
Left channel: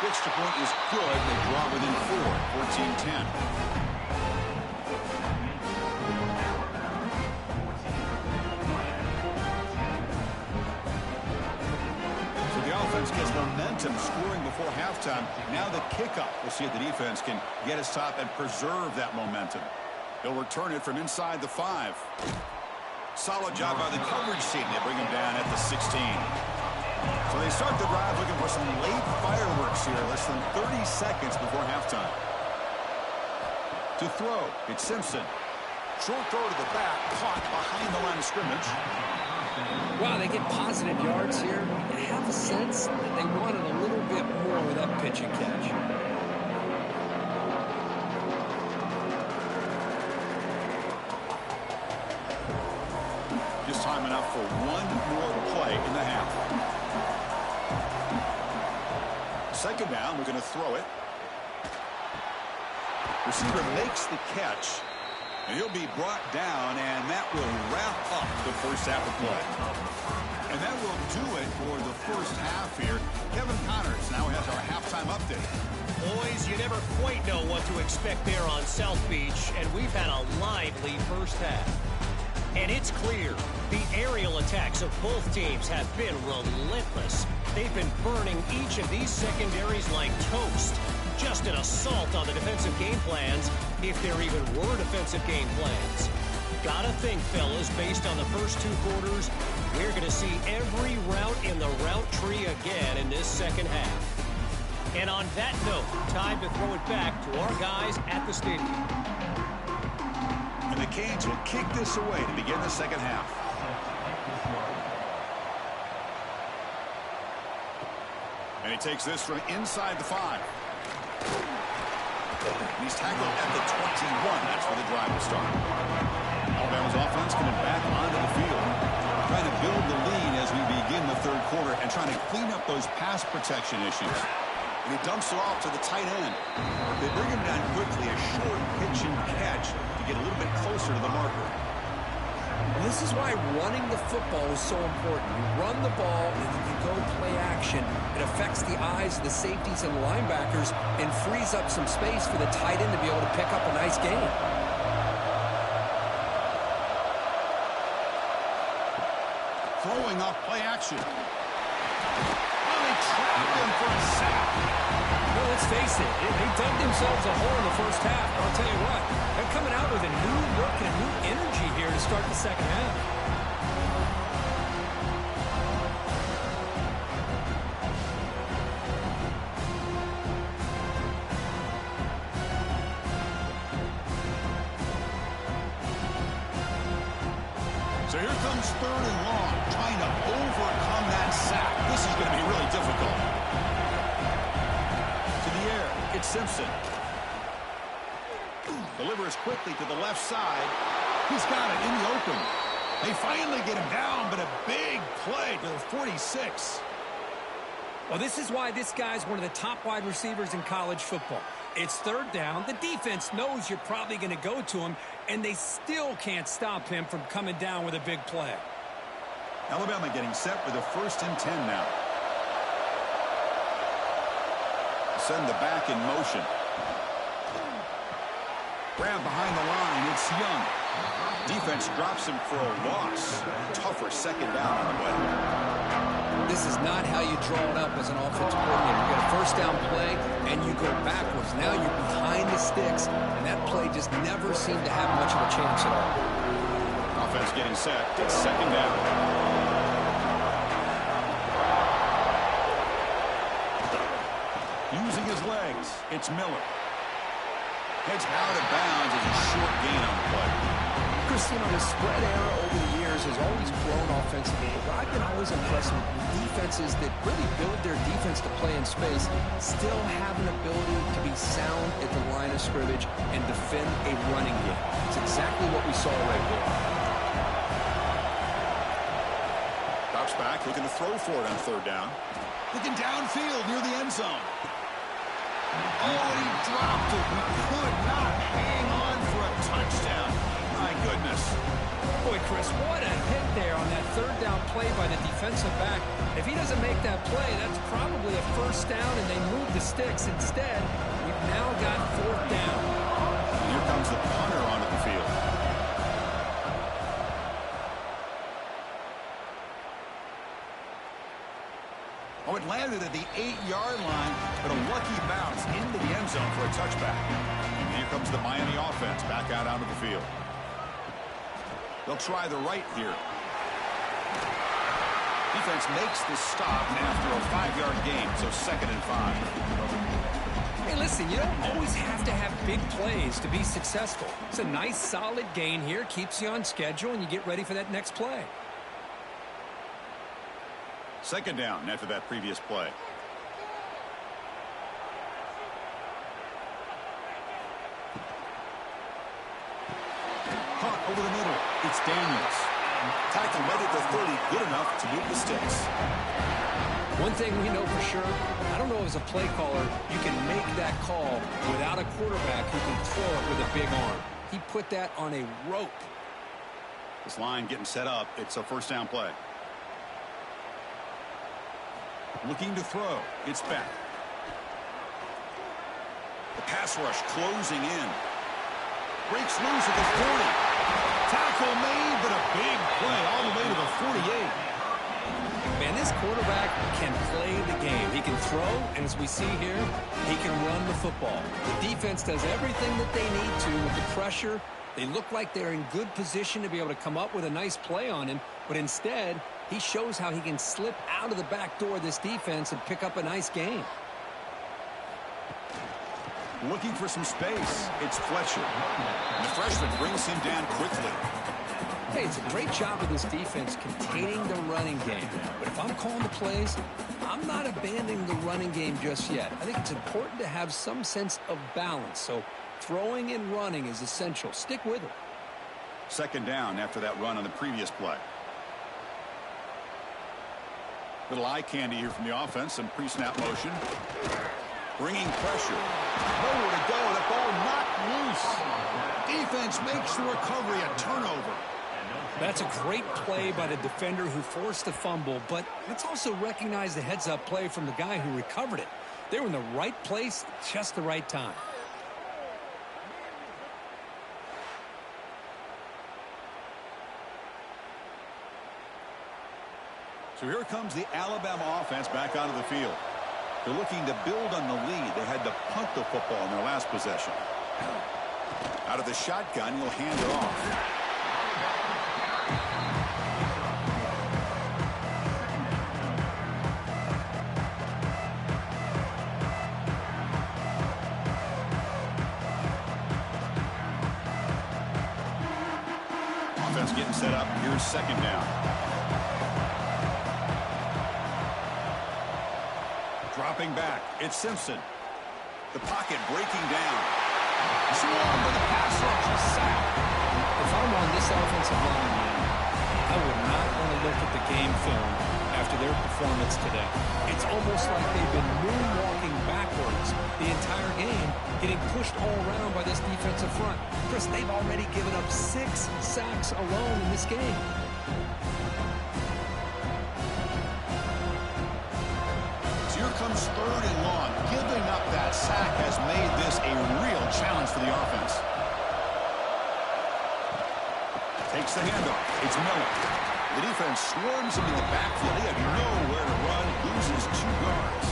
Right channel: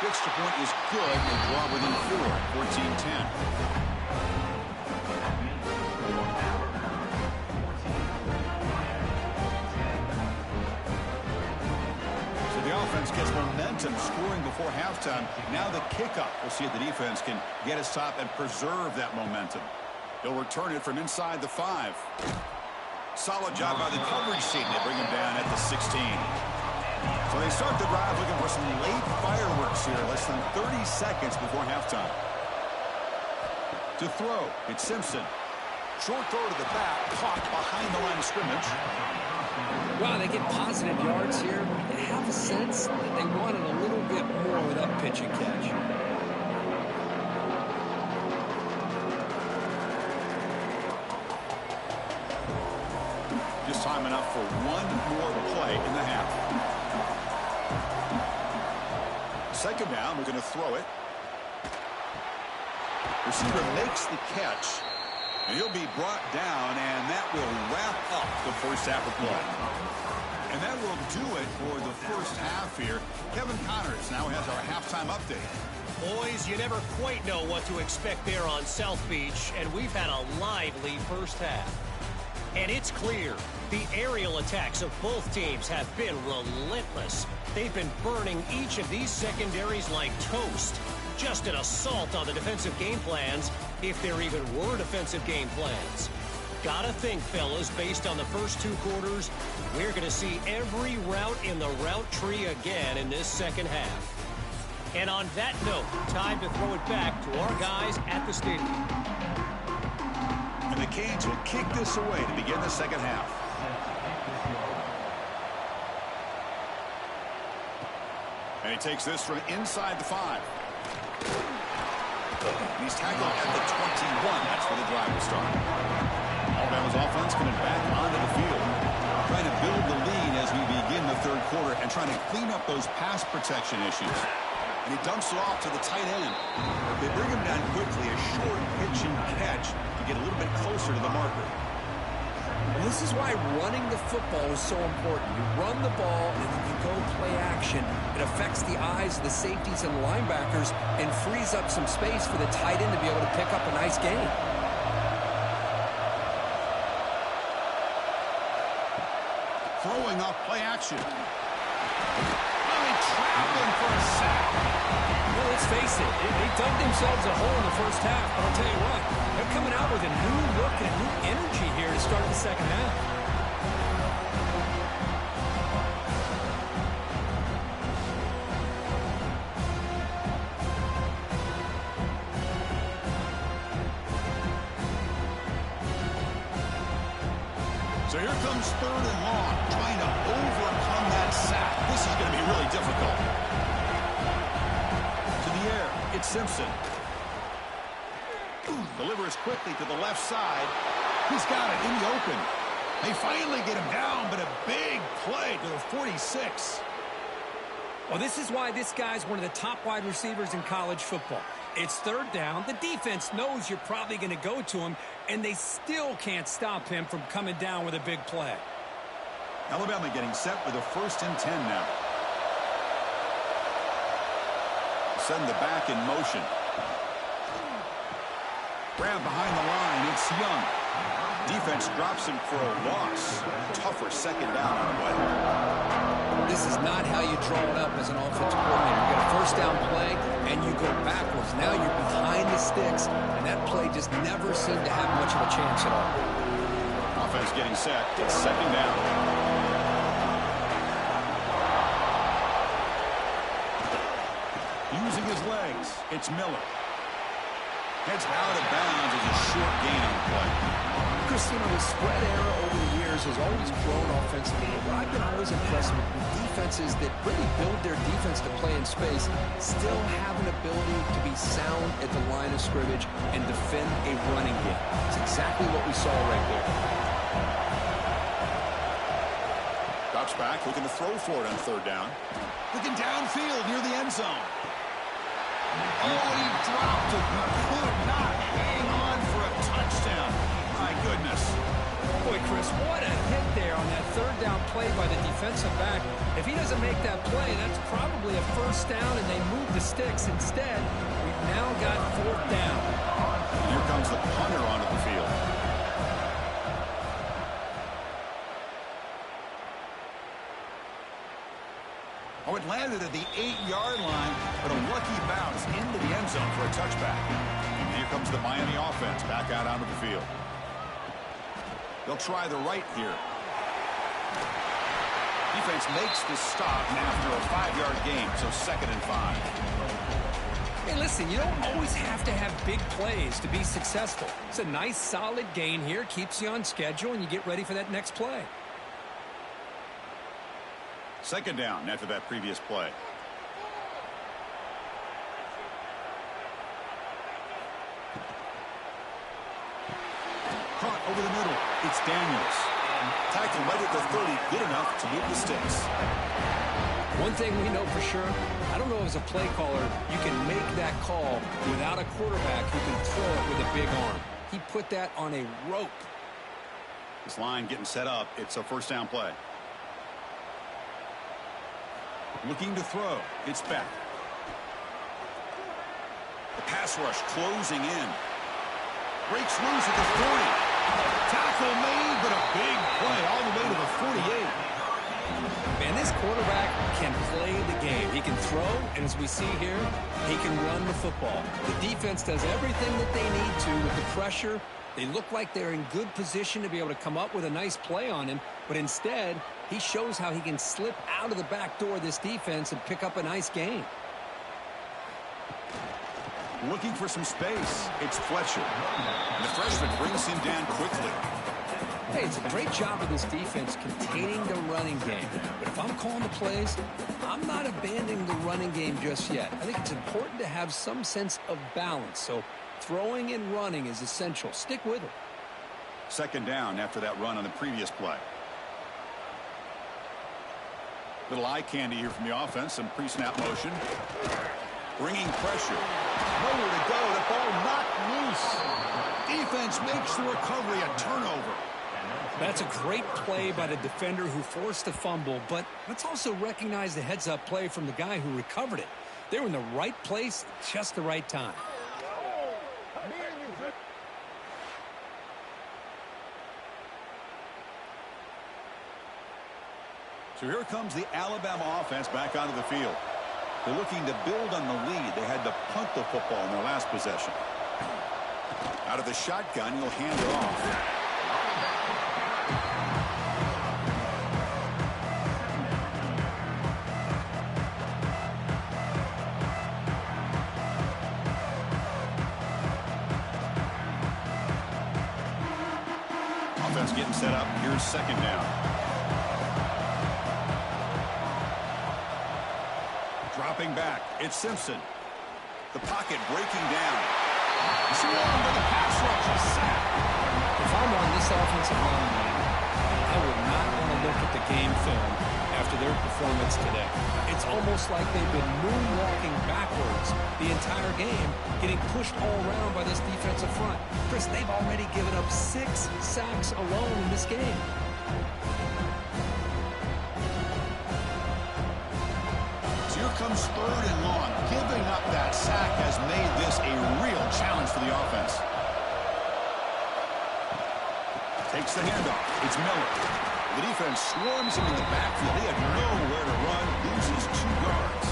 The extra point is good. They draw within 4 at 14-10. So the offense gets momentum, scoring before halftime. Now the kickoff. We'll see if the defense can get his top and preserve that momentum. He'll return it from inside the 5. Solid job by the coverage team. They bring him down at the 16. So they start the drive looking for some late fireworks here, less than 30 seconds before halftime. To throw, it's Simpson. Short throw to the back, caught behind the line of scrimmage. Wow, they get positive yards here. You have a sense that they wanted a little bit more with that pitch and catch. Just time enough for one more play in the half. Second down, we're going to throw it. Receiver makes the catch, and he'll be brought down, and that will wrap up the first half of play. And that will do it for the first half here. Kevin Connors now has our halftime update. Boys, you never quite know what to expect there on South Beach, and we've had a lively first half. And it's clear, the aerial attacks of both teams have been relentless. They've been burning each of these secondaries like toast. Just an assault on the defensive game plans, if there even were defensive game plans. Gotta think, fellas, based on the first two quarters, we're going to see every route in the route tree again in this second half. And on that note, time to throw it back to our guys at the stadium. And the Canes will kick this away to begin the second half. And he takes this from inside the 5. And he's tackled at the 21. That's where the drive will start. Alabama's offense coming back onto the field, trying to build the lead as we begin the third quarter and trying to clean up those pass protection issues. And he dumps it off to the tight end. They bring him down quickly, a short pitch and catch to get a little bit closer to the marker. Well, this is why running the football is so important. You run the ball, and if you go play action, it affects the eyes of the safeties and linebackers and frees up some space for the tight end to be able to pick up a nice gain. Throwing off play action. Oh, they trapped him for a sack. Well, let's face it, they dug themselves a hole in the first half, but I'll tell you what, they're coming out with a new look and a new energy here to start the second half. So here comes third and long, trying to overcome that sack. This is going to be really difficult. To the air, it's Simpson. Delivers quickly to the left side. He's got it in the open. They finally get him down, but a big play to the 46. Well, this is why this guy's one of the top wide receivers in college football. It's third down. The defense knows you're probably going to go to him, and they still can't stop him from coming down with a big play. Alabama getting set with a 1st and 10 now. Send the back in motion. Grab behind the line. It's Young. Defense drops him for a loss. Tougher second down on the way. This is not how you draw it up as an offensive coordinator. You get a first down play, and you go backwards. Now you're behind the sticks, and that play just never seemed to have much of a chance at all. Offense getting set. It's second down. Using his legs, it's Miller. Heads out of bounds as a short gain on the play. Chris, you know, the spread era over the years has always grown offensively. But I've been always impressed with defenses that really build their defense to play in space, still have an ability to be sound at the line of scrimmage and defend a running game. It's exactly what we saw right there. Drops back, looking to throw for it on third down. Looking downfield near the end zone. Oh, and he dropped it. He could not hang on for a touchdown. My goodness. Boy, Chris, what a hit there on that third down play by the defensive back. If he doesn't make that play, that's probably a first down, and they move the sticks. Instead, we've now got fourth down. And here comes the punter onto the field. Oh, it landed at the 8-yard line, but a lucky bounce into the end zone for a touchback. And here comes the Miami offense back out onto the field. They'll try the right here. Defense makes the stop after a 5-yard gain, so 2nd and 5. Hey, listen, you don't always have to have big plays to be successful. It's a nice, solid gain here. Keeps you on schedule, and you get ready for that next play. Second down after that previous play. Caught over the middle. It's Daniels. Tackled right at the 30. Good enough to move the sticks. One thing we know for sure, I don't know as a play caller, you can make that call without a quarterback who can throw it with a big arm. He put that on a rope. This line getting set up. It's a first down play. Looking to throw. It's back. The pass rush closing in. Breaks loose at the 40. Tackle made, but a big play all the way to the 48. Man, this quarterback can play the game. He can throw, and as we see here, he can run the football. The defense does everything that they need to with the pressure. They look like they're in good position to be able to come up with a nice play on him, but instead, he shows how he can slip out of the back door of this defense and pick up a nice gain. Looking for some space. It's Fletcher. And the freshman brings him down quickly. Hey, it's a great job of this defense containing the running game. But if I'm calling the plays, I'm not abandoning the running game just yet. I think it's important to have some sense of balance. So throwing and running is essential. Stick with it. Second down after that run on the previous play. Little eye candy here from the offense. Some pre-snap motion. Bringing pressure. Nowhere to go. The ball knocked loose. Defense makes the recovery a turnover. That's a great play by the defender who forced the fumble, but let's also recognize the heads-up play from the guy who recovered it. They were in the right place at just the right time. So here comes the Alabama offense back onto the field. They're looking to build on the lead. They had to punt the football in their last possession. Out of the shotgun, he'll hand it off. Offense getting set up. Here's second down. Dropping back. It's Simpson. The pocket breaking down. Swarmed by the pass rush. A sack. If I'm on this offensive line, I would not want to look at the game film after their performance today. It's almost like they've been moonwalking backwards the entire game, getting pushed all around by this defensive front. Chris, they've already given up 6 sacks alone in this game. So here comes third and long. Giving up that sack has made this a real challenge for the offense. Takes the handoff. It's Miller. The defense swarms him in the backfield. He had nowhere to run. Loses 2 yards.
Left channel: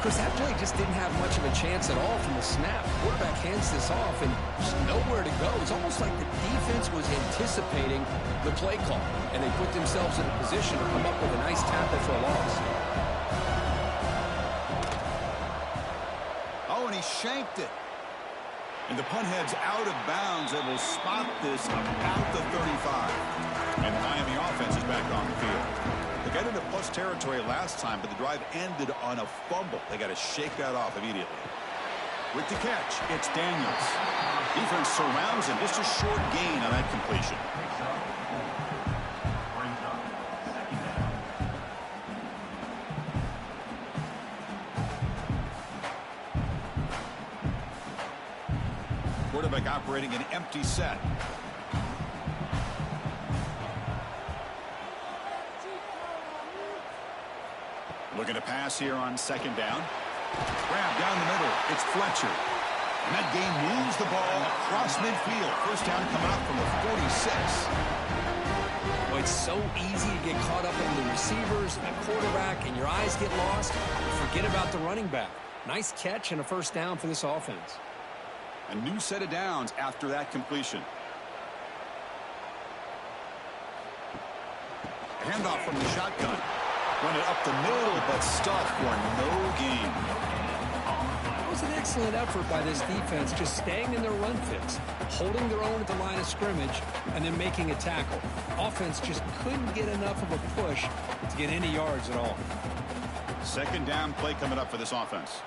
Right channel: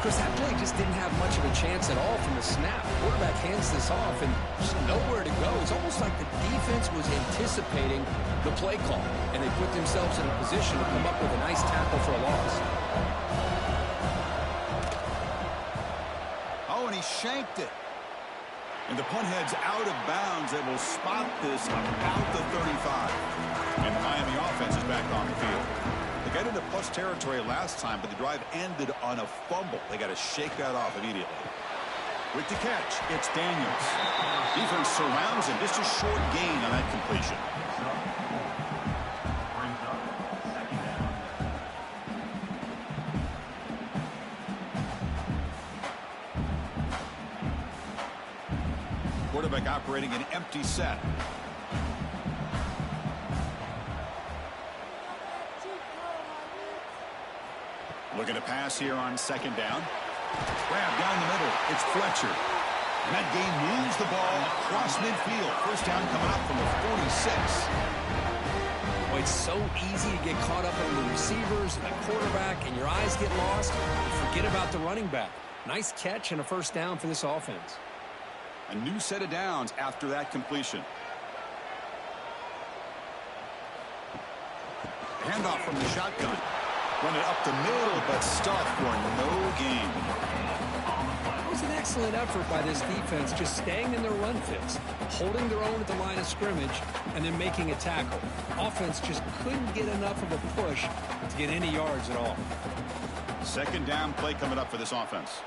Chris, that play just didn't have much of a chance at all from the snap. Quarterback hands this off and just nowhere to go. It's almost like the defense was anticipating the play call, and they put themselves in a position to come up with a nice tackle for a loss. Oh, and he shanked it. And the punt heads out of bounds. They will spot this about the 35. And the Miami offense is back on the field. They got into plus territory last time, but the drive ended on a fumble. They got to shake that off immediately. With the catch, it's Daniels. Defense surrounds him. Just a short gain on that completion. Quarterback operating an empty set. Looking to pass here on second down. Grab down the middle. It's Fletcher. And that game moves the ball across midfield. First down coming up from the 46. Well, it's so easy to get caught up in the receivers and the quarterback, and your eyes get lost. You forget about the running back. Nice catch and a first down for this offense. A new set of downs after that completion. Handoff from the shotgun. Run it up the middle, but stuffed for no gain. was an excellent effort by this defense, just staying in their run fits, holding their own at the line of scrimmage, and then making a tackle. Offense just couldn't get enough of a push to get any yards at all. Second down play coming up for this offense.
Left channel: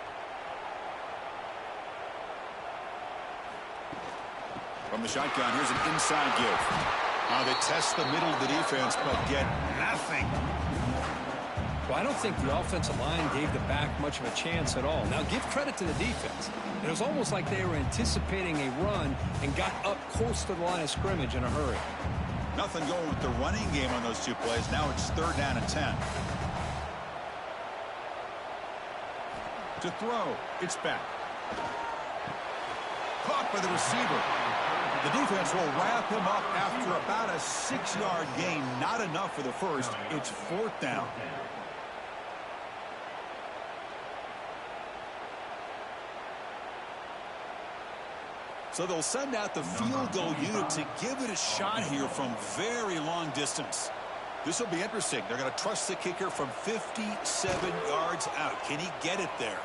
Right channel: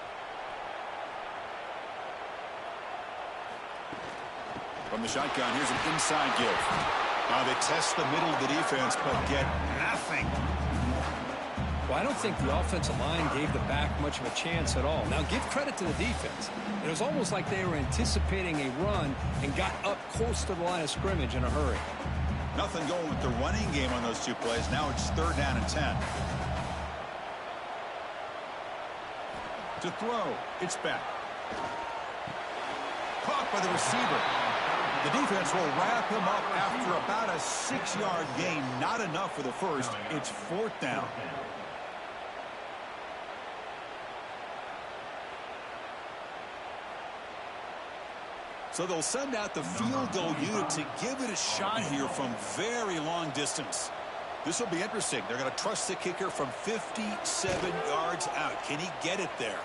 From the shotgun, here's an inside give. Now they test the middle of the defense, but get nothing. Well, I don't think the offensive line gave the back much of a chance at all. Now, give credit to the defense. It was almost like they were anticipating a run and got up close to the line of scrimmage in a hurry. Nothing going with the running game on those two plays. Now it's third down and 10. To throw, it's back. Caught by the receiver. The defense will wrap him up after about a 6-yard gain. Not enough for the first. It's fourth down. So they'll send out the field goal unit to give it a shot here from very long distance. This will be interesting. They're going to trust the kicker from 57 yards out. Can he get it there?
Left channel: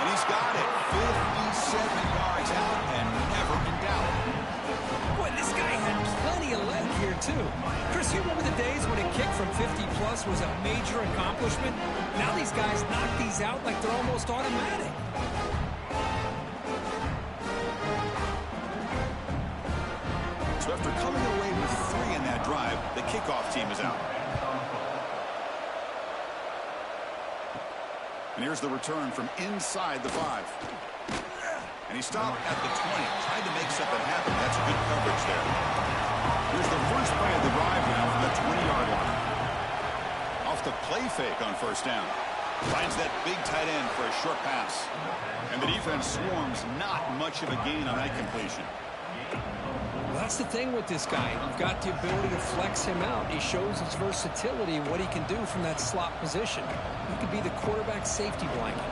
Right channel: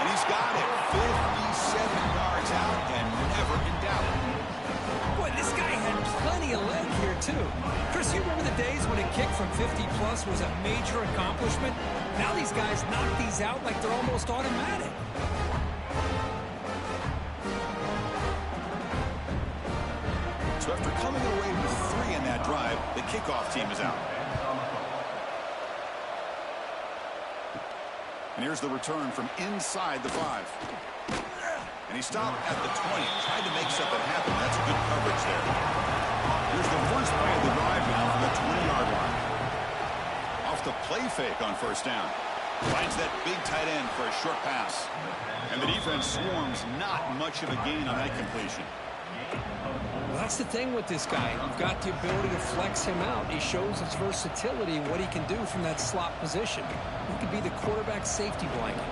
And he's got it. 57 yards out and never in doubt. Boy, this guy had plenty of leg here, too. Chris, you remember the days when a kick from 50-plus was a major accomplishment? Now these guys knock these out like they're almost automatic. So after coming away with 3 in that drive, the kickoff team is out. And here's the return from inside the 5. And he stopped at the 20. Tried to make something happen. That's good coverage there. Here's the first play of the drive now from the 20-yard line. Off the play fake on first down. Finds that big tight end for a short pass. And the defense swarms. Not much of a gain on that completion. Well, that's the thing with this guy. You've got the ability to flex him out. He shows his versatility and what he can do from that slot position. He could be the quarterback safety blanket.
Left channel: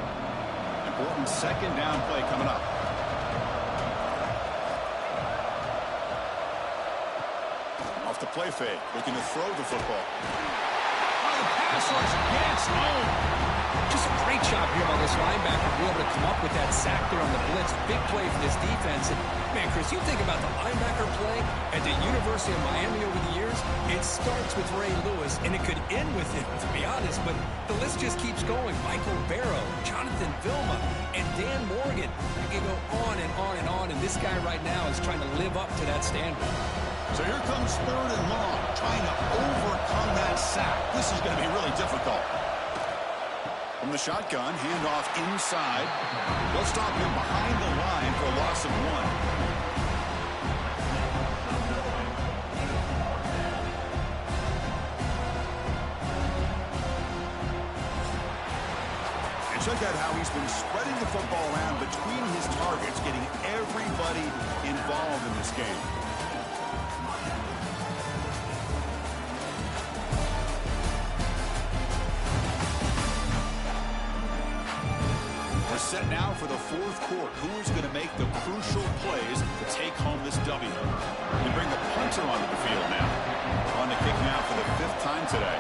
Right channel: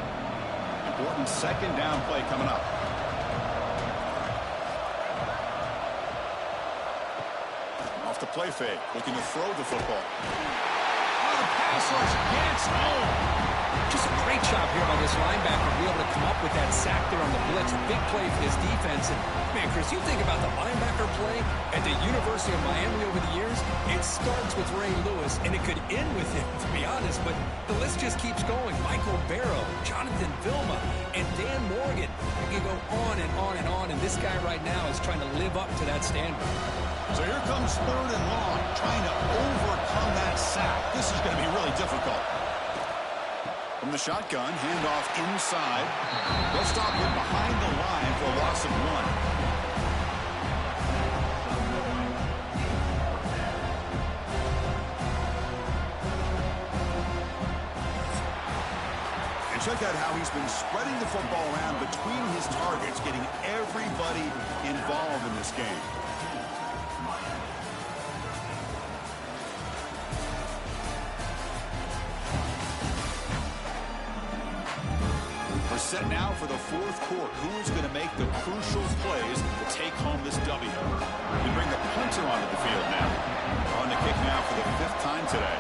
Important second down play coming up. Off the play fake, looking to throw the football. Oh, the pass rush gets home. Just a great job here by this linebacker to be able to come up with that sack there on the blitz. Big play for this defense. And, man, Chris, you think about the linebacker play at the University of Miami over the years, it starts with Ray Lewis, and it could end with him, to be honest. But the list just keeps going. Michael Barrow, Jonathan Vilma, and Dan Morgan. You can go on and on and on, and this guy right now is trying to live up to that standard. So here comes third and long, trying to overcome that sack. This is going to be really difficult. From the shotgun, handoff inside. They'll stop him behind the line for a loss of 1. And check out how he's been spreading the football around between his targets, getting everybody involved in this game. We're set now for the fourth quarter. Who is going to make the crucial plays to take home this W? We bring the punter onto the field now. On the kick now for the 5th time today.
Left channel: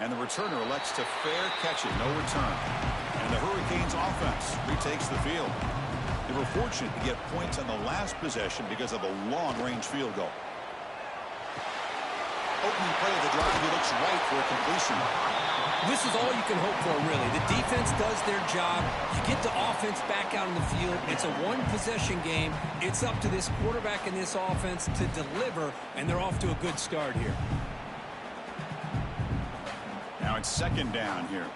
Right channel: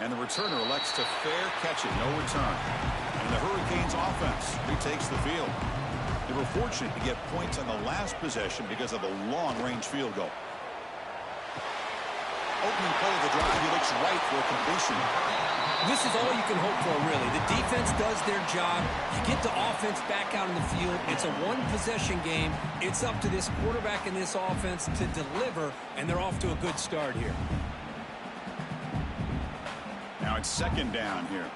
And the returner elects to fair catch it. No return. And the Hurricanes offense retakes the field. They were fortunate to get points on the last possession because of a long-range field goal. Opening play of the drive, he looks right for a completion. This is all you can hope for, really. The defense does their job. You get the offense back out in the field. It's a one-possession game. It's up to this quarterback and this offense to deliver, and they're off to a good start here. Now it's second down here.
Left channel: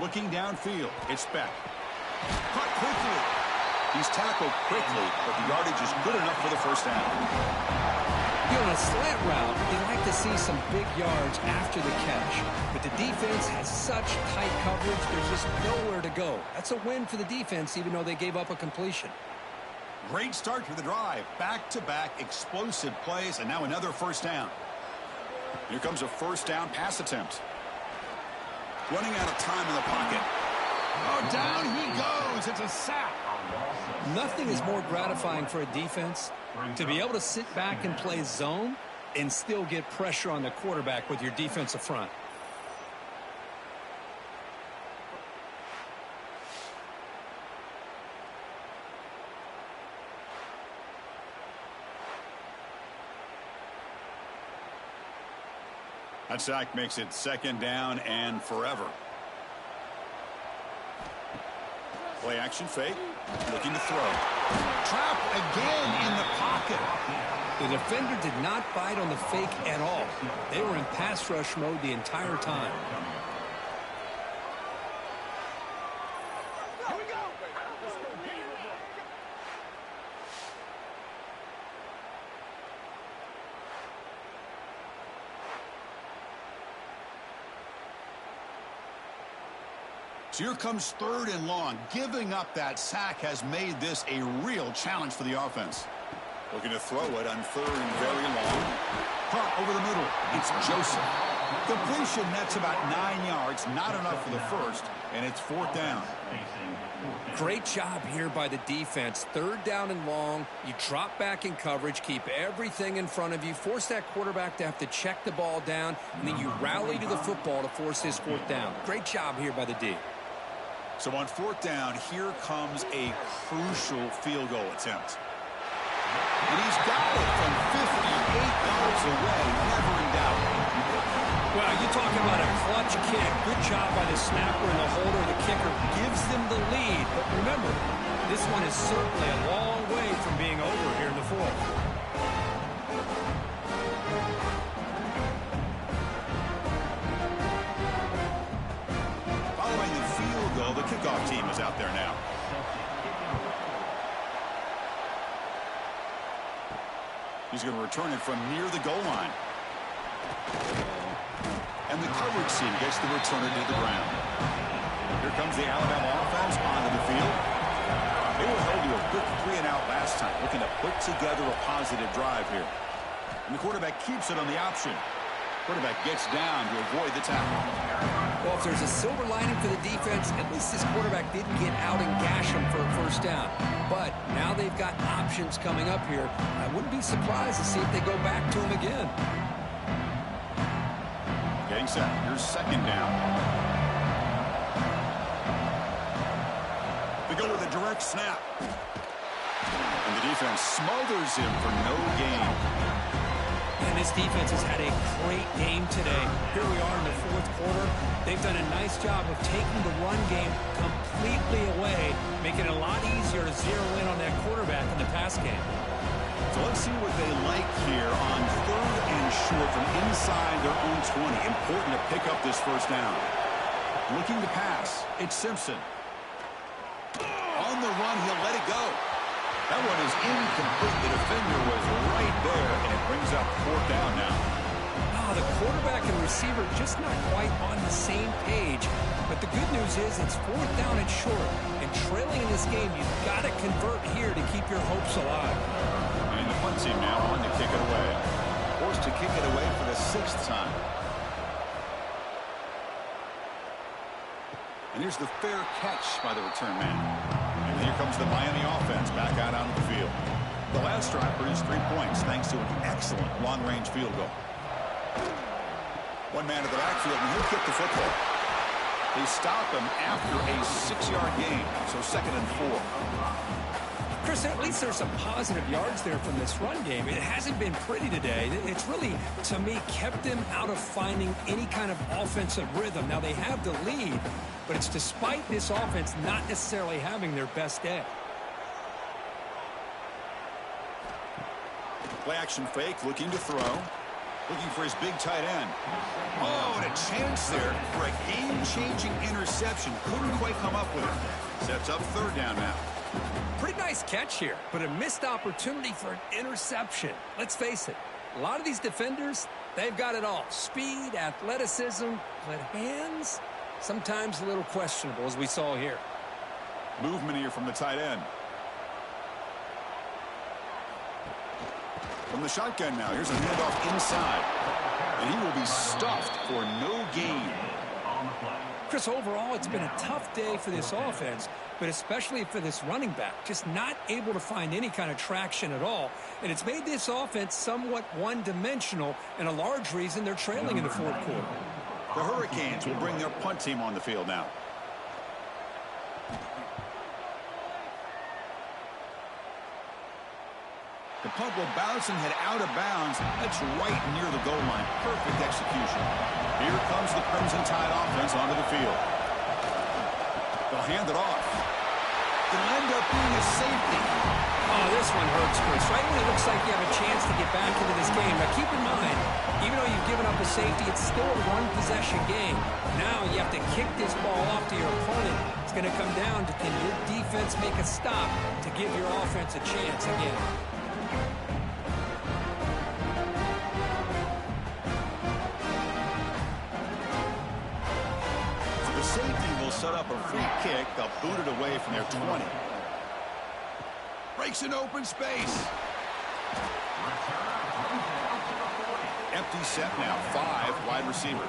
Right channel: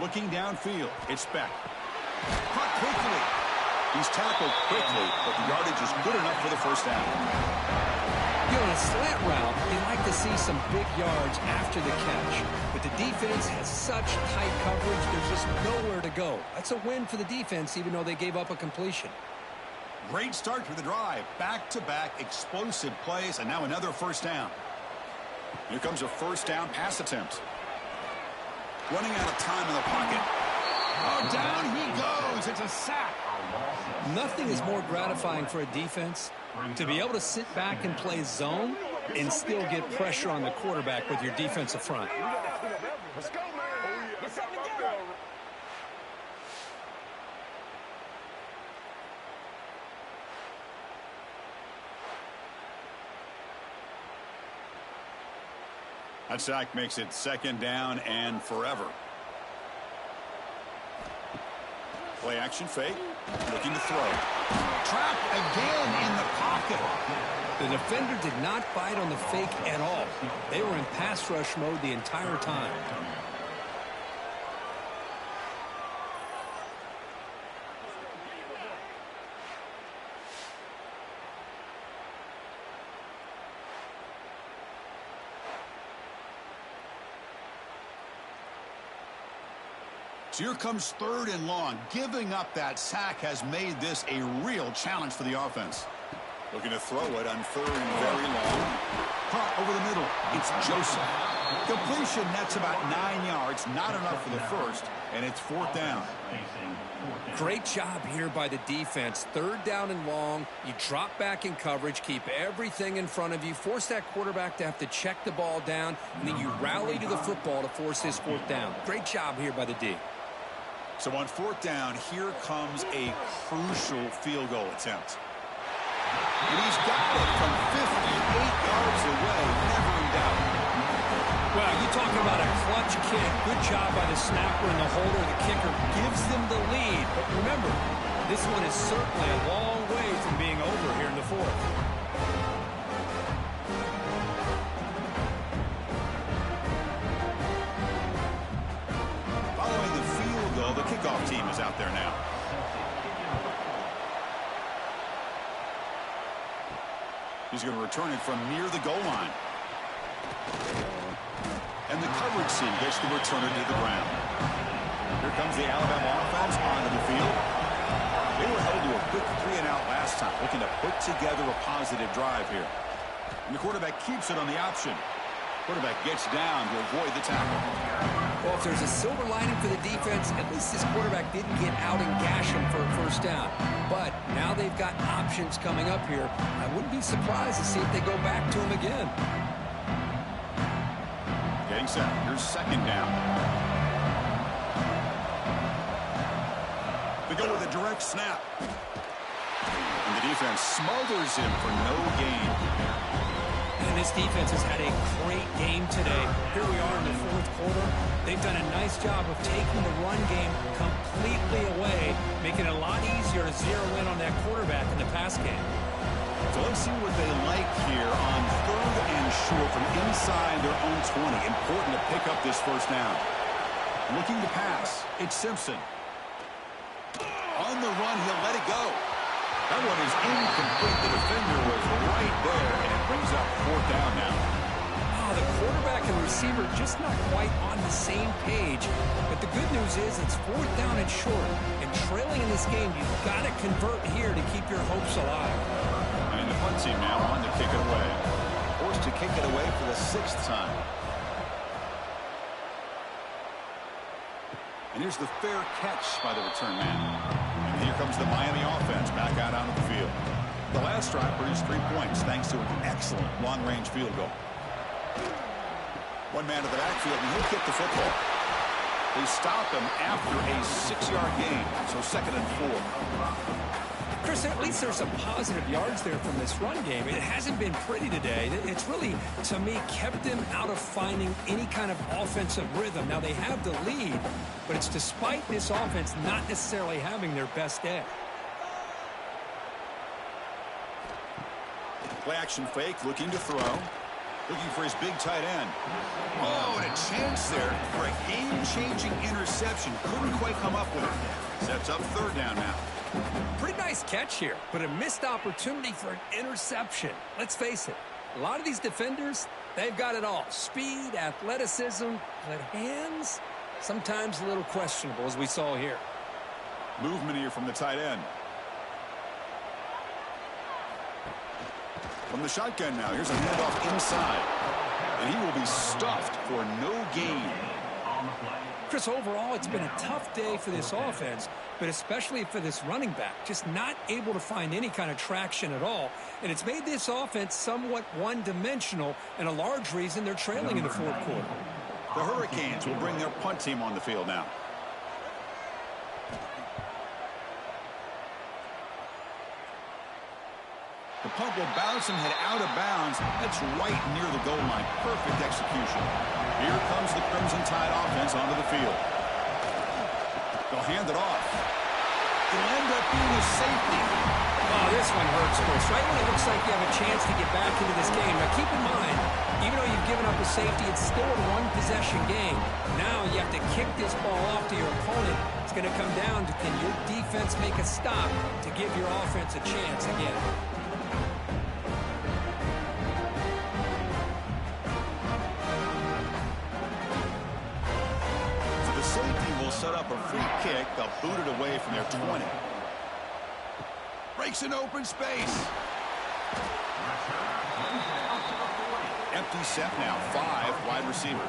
Looking downfield, it's back. Caught quickly. He's tackled quickly, but the yardage is good enough for the first down. You know, on a slant route, you like to see some big yards after the catch. But the defense has such tight coverage, there's just nowhere to go. That's a win for the defense, even though they gave up a completion. Great start to the drive. Back-to-back explosive plays, and now another first down. Here comes a first down pass attempt. Running out of time in the pocket. Oh, down he goes. It's a sack. Nothing is more gratifying for a defense to be able to sit back and play zone and still get pressure on the quarterback with your defensive front. That sack makes it 2nd down and forever. Play action fake. Looking to throw. Trapped again in the pocket. The defender did not bite on the fake at all. They were in pass rush mode the entire time. So here comes 3rd and long. Giving up that sack has made this a real challenge for the offense. Looking to throw it on 3rd and very long. Caught over the middle. It's Joseph. Completion, that's about 9 yards. Not enough for the first, and it's 4th down. Great job here by the defense. 3rd down and long. You drop back in coverage, keep everything in front of you, force that quarterback to have to check the ball down, and then you rally to the football to force his 4th down. Great job here by the D. So on 4th down, here comes a crucial field goal attempt. And he's got it from 58 yards away, never in doubt. Well, you talking about a clutch kick. Good job by the snapper and the holder. The kicker gives them the lead. But remember, this one is certainly a long way from being over here in the 4th. Following the field goal, the kickoff team is out there now. He's going to return it from near the goal line. And the coverage team gets the returner to the ground. Here comes the Alabama offense onto the field. They were held to a quick 3-and-out last time, looking to put together a positive drive here. And the quarterback keeps it on the option. Quarterback gets down to avoid the tackle. Well, if there's a silver lining for the defense, at least this quarterback didn't get out and gash him for a 1st down. But now they've got options coming up here. I wouldn't be surprised to see if they go back to him again. Getting set. Here's 2nd down. They go with a direct snap. And the defense smothers him for no gain. And this defense has had a great game today. Here we are in the 4th quarter. They've done a nice job of taking the run game completely away, making it a lot easier to zero in on that quarterback in the pass game. So let's see what they like here on 3rd and short from inside their own 20. Important to pick up this 1st down. Looking to pass. It's Simpson. On the run, he'll let it go. That one is incomplete. The defender was right there, and it brings up 4th down now. Oh, the quarterback and receiver just not quite on the same page. But the good news is it's 4th down and short. And trailing in this game, you've got to convert here to keep your hopes alive. And the punt team now on to kick it away. Forced to kick it away for the 6th time. And here's the fair catch by the return man. And here comes the Miami offense back out onto the field. The last drive produced 3 points thanks to an excellent long-range field goal. One man at the backfield, and he'll kick the football. They stop him after a 6-yard gain, so 2nd and 4. Chris, at least there's some positive yards there from this run game. It hasn't been pretty today. It's really, to me, kept them out of finding any kind of offensive rhythm. Now, they have the lead, but it's despite this offense not necessarily having their best day. Play action fake, looking to throw. Looking for his big tight end. Oh, and a chance there for a game-changing interception. Couldn't quite come up with it. Sets up 3rd down now. Pretty nice catch here, but a missed opportunity for an interception. Let's face it, a lot of these defenders, they've got it all. Speed, athleticism, but hands, sometimes a little questionable, as we saw here. Movement here from the tight end. From the shotgun now, here's a handoff inside. And he will be stuffed for no gain. on the play. Chris, overall, it's been a tough day for this offense, but especially for this running back. Just not able to find any kind of traction at all. And it's made this offense somewhat one-dimensional, and a large reason they're trailing in the fourth quarter. The Hurricanes will bring their punt team on the field now. The punt will bounce and head out of bounds. That's right near the goal line. Perfect execution. Here comes the Crimson Tide offense onto the field. They'll hand it off. It'll end up being a safety. Oh, this one hurts, Chris. Right when it looks like you have a chance to get back into this game. Now, keep in mind, even though you've given up a safety, it's still a one-possession game. Now you have to kick this ball off to your opponent. It's going to come down to, can your defense make a stop to give your offense a chance again? The safety will set up a free kick. They'll boot it away from their 20. Breaks an open space. Empty set now. 5 wide receivers.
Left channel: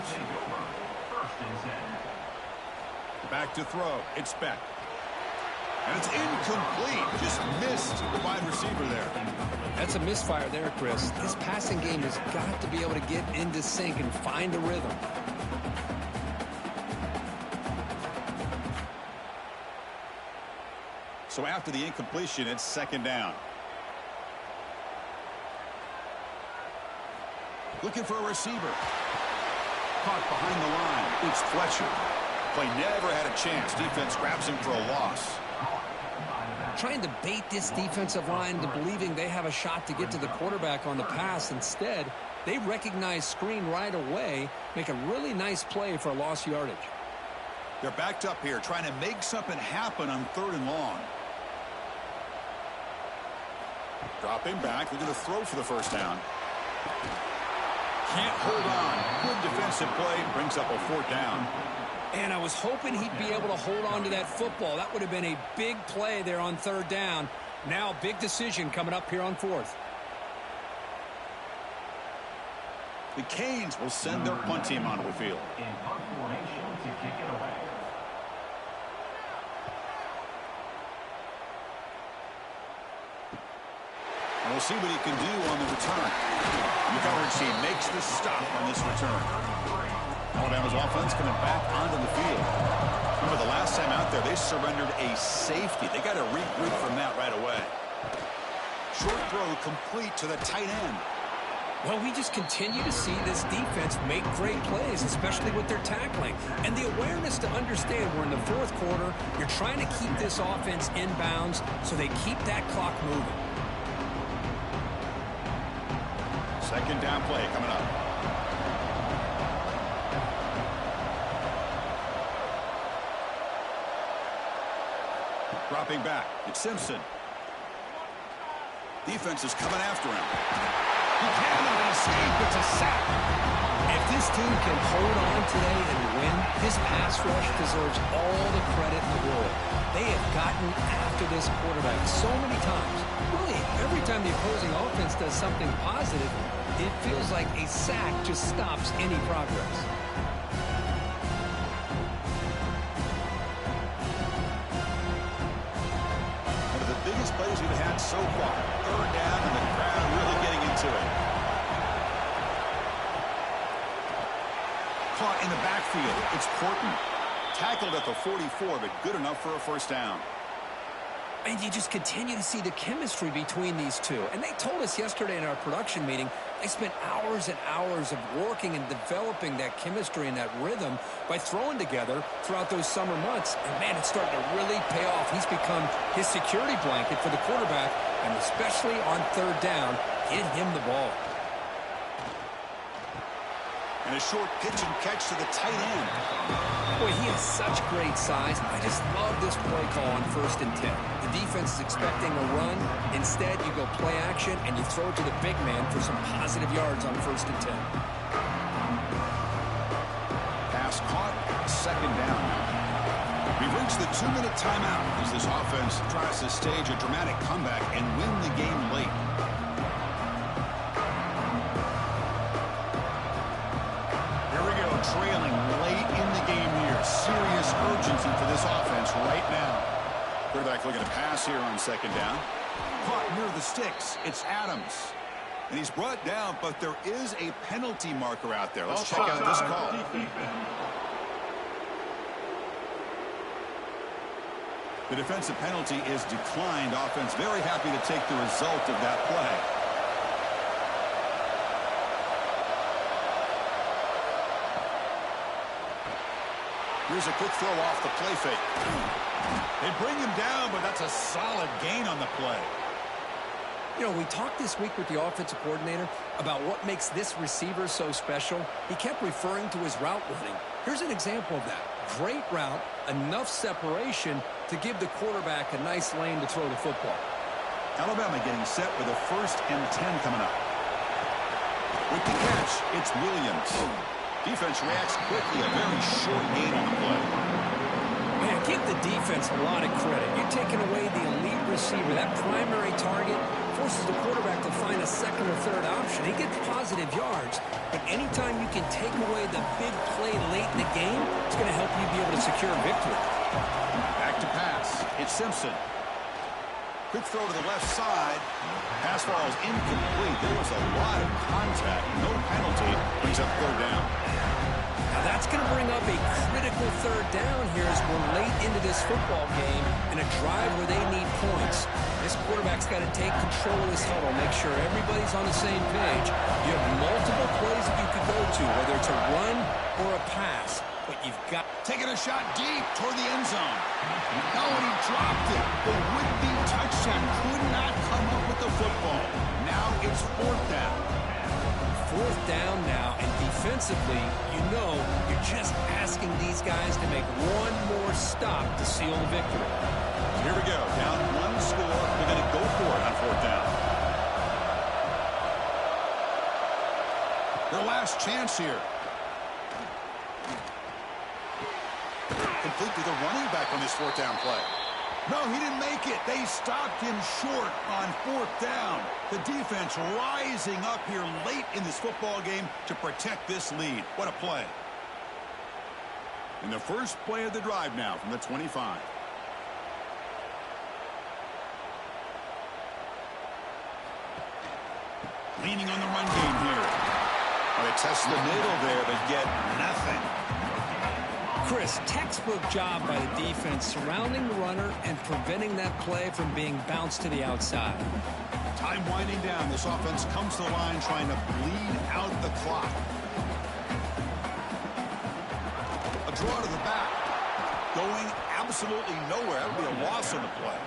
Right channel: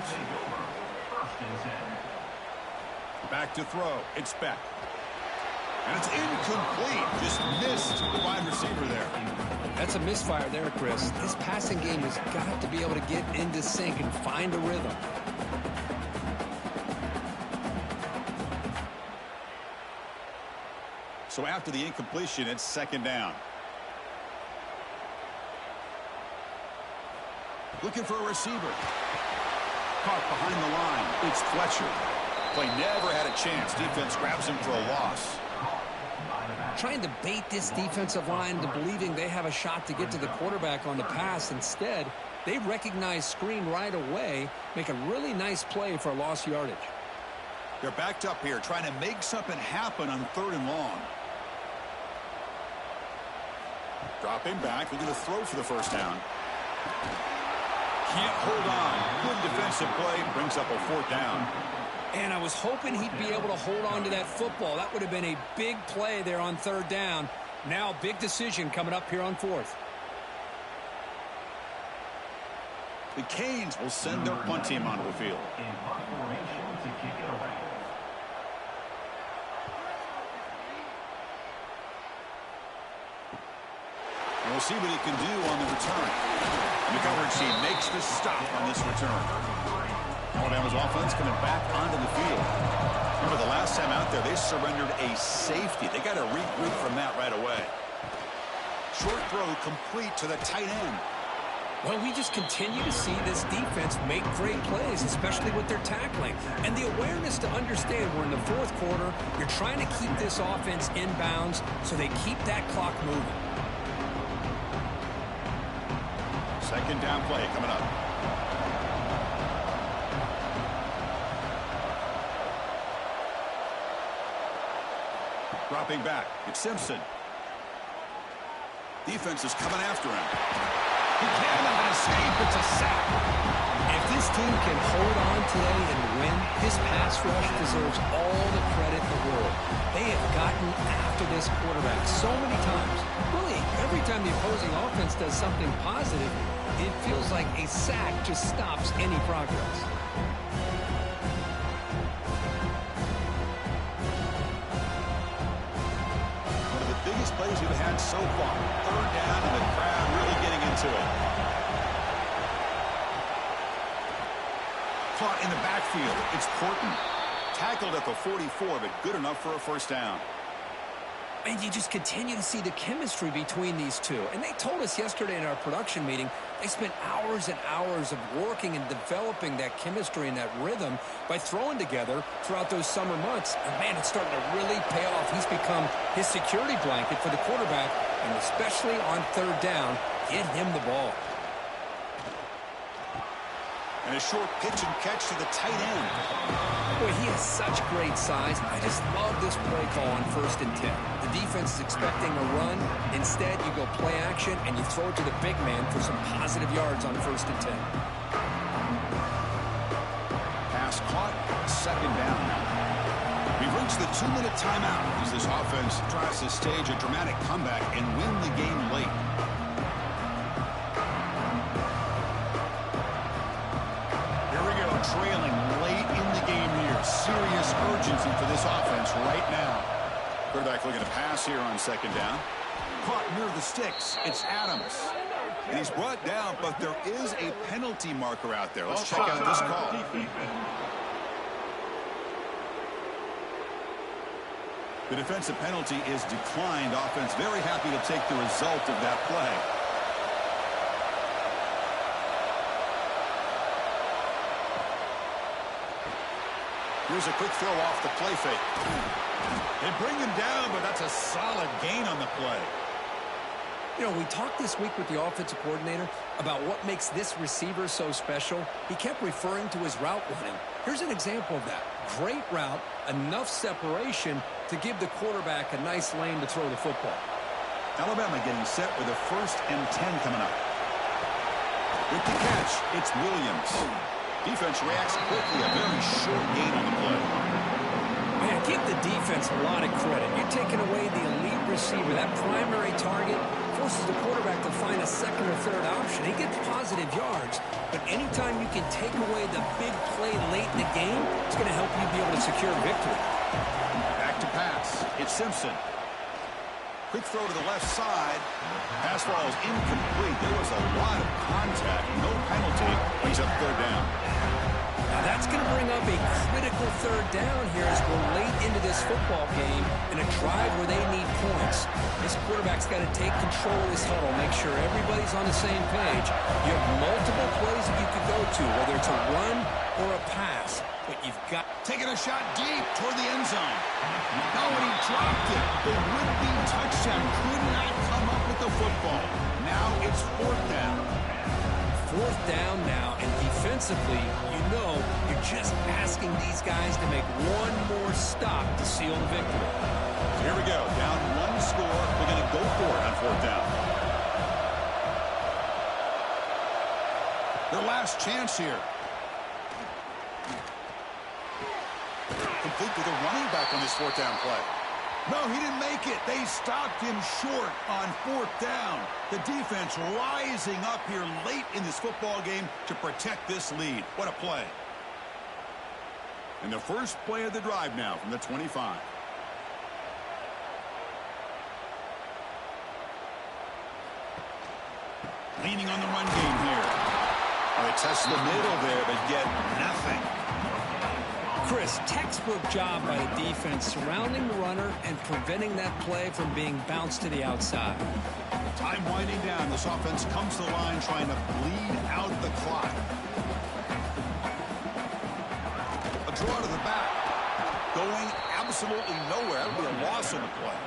Back to throw. It's Beck. And it's incomplete. Just missed the wide receiver there. That's a misfire there, Chris. This passing game has got to be able to get into sync and find a rhythm. So after the incompletion, it's second down. Looking for a receiver. Caught behind the line. It's Fletcher. Play never had a chance. Defense grabs him for a loss. Trying to bait this defensive line into believing they have a shot to get to the quarterback on the pass. Instead, they recognize screen right away, make a really nice play for a lost yardage. They're backed up here, trying to make something happen on 3rd and long. Dropping back, looking to throw for the first down. Can't hold on. Good defensive play, brings up a 4th down. And I was hoping he'd be able to hold on to that football. That would have been a big play there on 3rd down. Now, big decision coming up here on 4th. The Canes will send their punt team onto the field. In punt formation to kick it away. And we'll see what he can do on the return. The coverage team makes the stop on this return. Alabama's offense coming back onto the field. Remember the last time out there, they surrendered a safety. They got to regroup from that right away. Short throw complete to the tight end. Well, we just continue to see this defense make great plays, especially with their tackling. And the awareness to understand we're in the 4th quarter, you're trying to keep this offense in bounds so they keep that clock moving. Second down play coming up. Dropping back. It's Simpson. Defense is coming after him. He cannot escape. It's a sack. If this team can hold on today and win, this pass rush deserves all the credit in the world. They have gotten after this quarterback so many times. Really, every time the opposing offense does something positive, it feels like a sack just stops any progress. One of the biggest plays we've had so far. 3rd down and the crowd really getting into it. Caught in the backfield. It's Porton. Tackled at the 44, but good enough for a first down. And you just continue to see the chemistry between these two. And they told us yesterday in our production meeting, they spent hours and hours of working and developing that chemistry and that rhythm by throwing together throughout those summer months. And, man, it's starting to really pay off. He's become his security blanket for the quarterback, and especially on 3rd down, get him the ball. And a short pitch and catch to the tight end. Boy, he has such great size. I just love this play call on 1st and 10. The defense is expecting a run. Instead, you go play action, and you throw it to the big man for some positive yards on 1st and 10. Pass caught. Second down now. We've reached the 2-minute timeout as this offense tries to stage a dramatic comeback and win the game late. Here we go, trailing late in the game serious urgency for this offense right now. Quarterback looking to pass here on second down. Caught near the sticks. It's Adams. And he's brought down, but there is a penalty marker out there. Let's check out this call. The defensive penalty is declined. Offense very happy to take the result of that play. Here's a quick throw off the play fake. They bring him down, but that's a solid gain on the play. You know, we talked this week with the offensive coordinator about what makes this receiver so special. He kept referring to his route running. Here's an example of that. Great route, enough separation to give the quarterback a nice lane to throw the football. Alabama getting set with a 1st and 10 coming up. With the catch, it's Williams. Defense reacts quickly, a very short gain on the play. Man, give the defense a lot of credit. You're taking away the elite receiver. That primary target forces the quarterback to find a second or third option. He gets positive yards, but anytime you can take away the big play late in the game, it's going to help you be able to secure victory. Back to pass. It's Simpson. Quick throw to the left side. Pass falls incomplete. There was a lot of contact. No penalty. Brings up 3rd down. Now that's going to bring up a critical 3rd down here as we're late into this football game in a drive where they need points. This quarterback's got to take control of this huddle, make sure everybody's on the same page. You have multiple plays that you could go to, whether it's a run or a pass, but you've got... Taking a shot deep toward the end zone. No, and he dropped it. The would-be touchdown could not come up with the football. Now it's 4th down. 4th down now, and defensively, you know, you're just asking these guys to make one more stop to seal the victory. So here we go, down 1 score. They're going to go for it on 4th down. Their last chance here. Complete to the running back on this 4th down play. No, he didn't make it. They stopped him short on 4th down. The defense rising up here late in this football game to protect this lead. What a play. And the first play of the drive now from the 25. Leaning on the run game here. Well, they test the middle there, but get nothing. Chris, textbook job by the defense surrounding the runner and preventing that play from being bounced to the outside. Time winding down. This offense comes to the line trying to bleed out the clock. A draw to the back. Going absolutely nowhere. That would be a loss on the play.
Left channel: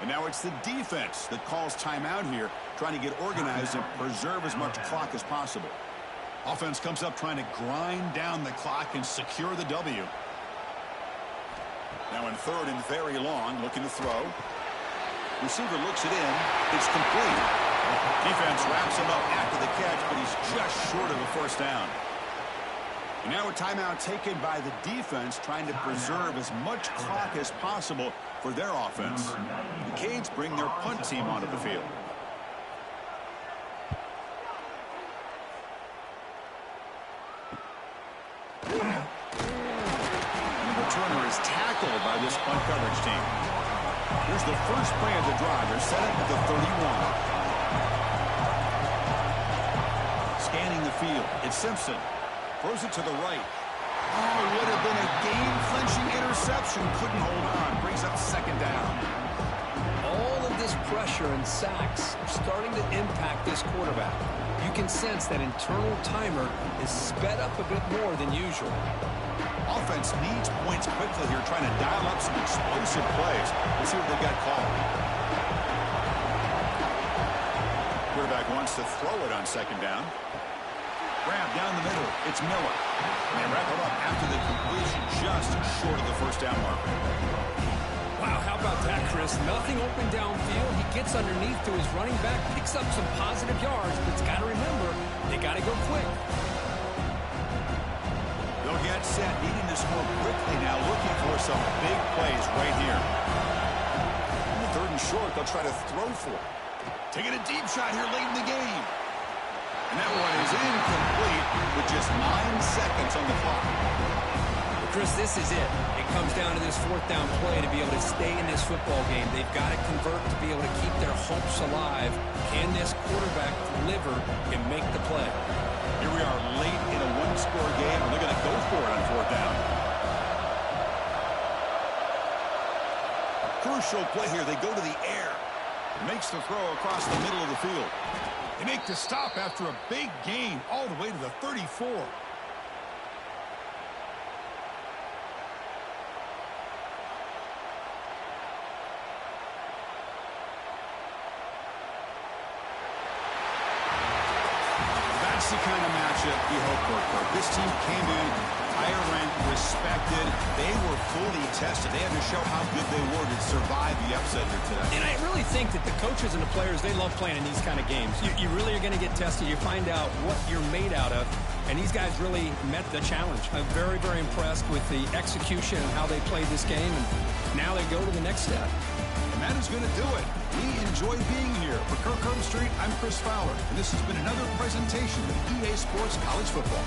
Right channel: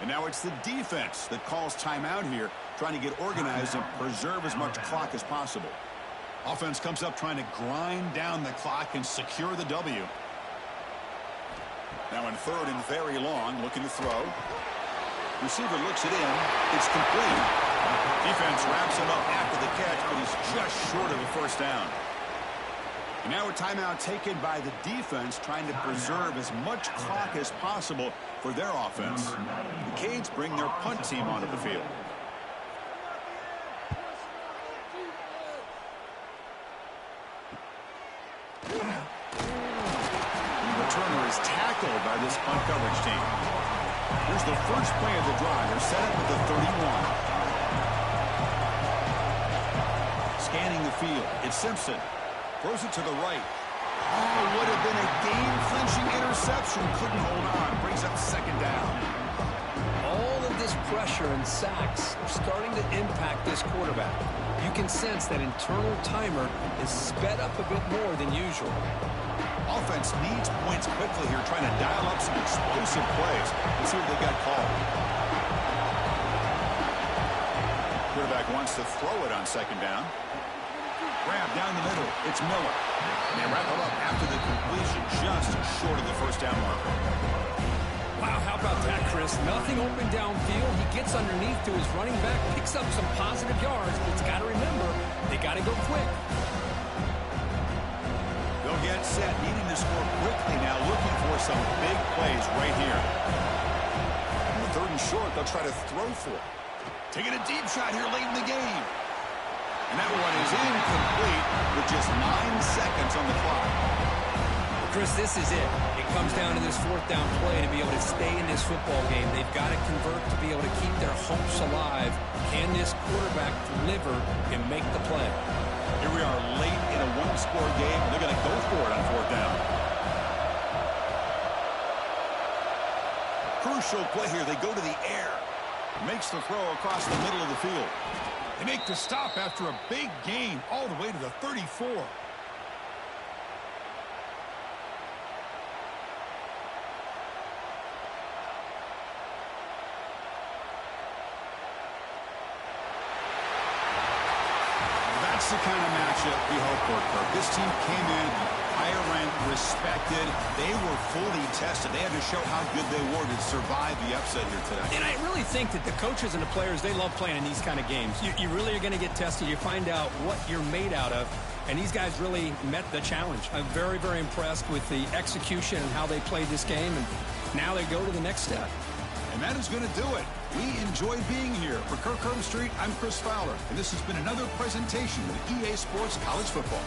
And now it's the defense that calls timeout here, trying to get organized and preserve as much clock as possible. Offense comes up trying to grind down the clock and secure the W. Now in 3rd and very long, looking to throw. Receiver looks it in. It's complete. Defense wraps him up after the catch, but he's just short of a 1st down. And now a timeout taken by the defense, trying to preserve as much clock as possible for their offense. The Canes bring their punt team onto the field. Returner is tackled by this punt coverage team. Here's the first play of the drive. They're set up at the 31. Scanning the field. It's Simpson. Throws it to the right. Oh, would have been a game-clinching interception. Couldn't hold on. Brings up 2nd down. All of this pressure and sacks are starting to impact this quarterback. You can sense that internal timer is sped up a bit more than usual. Offense needs points quickly here, trying to dial up some explosive plays. Let's see what they've got called. Quarterback wants to throw it on 2nd down. Grab down the middle. It's Miller. And they wrap it up after the completion, just short of the 1st down marker. Wow, how about that, Chris? Nothing open downfield. He gets underneath to his running back, picks up some positive yards, but it's got to remember, they got to go quick. They'll get set, needing to score quickly now, looking for some big plays right here. In the 3rd and short, they'll try to throw for it. Taking a deep shot here late in the game. And that one is incomplete with just 9 seconds on the clock. The Chris, this is it. It comes down to this fourth down play to be able to stay in this football game. They've got to convert to be able to keep their hopes alive. Can this quarterback deliver and make the play? Here we are late in a one-score game, and they're going to go for it on fourth down. Crucial play here. They go to the air. Makes the throw across the middle of the field. They make the stop after a big gain all the way to the 34. That's the kind of matchup you hope for, Kirk. This team came in higher ranked, respected. They were fully tested. They had to show how good they were to survive the upset here today. And I really think that the coaches and the players, they love playing in these kind of games. You really are going to get tested. You find out what you're made out of. And these guys really met the challenge. I'm very, very impressed with the execution and how they played this game. And now they go to the next step. And that is going to do it. We enjoy being here. For Kirk Herbstreit, I'm Chris Fowler. And this has been another presentation of EA Sports College Football.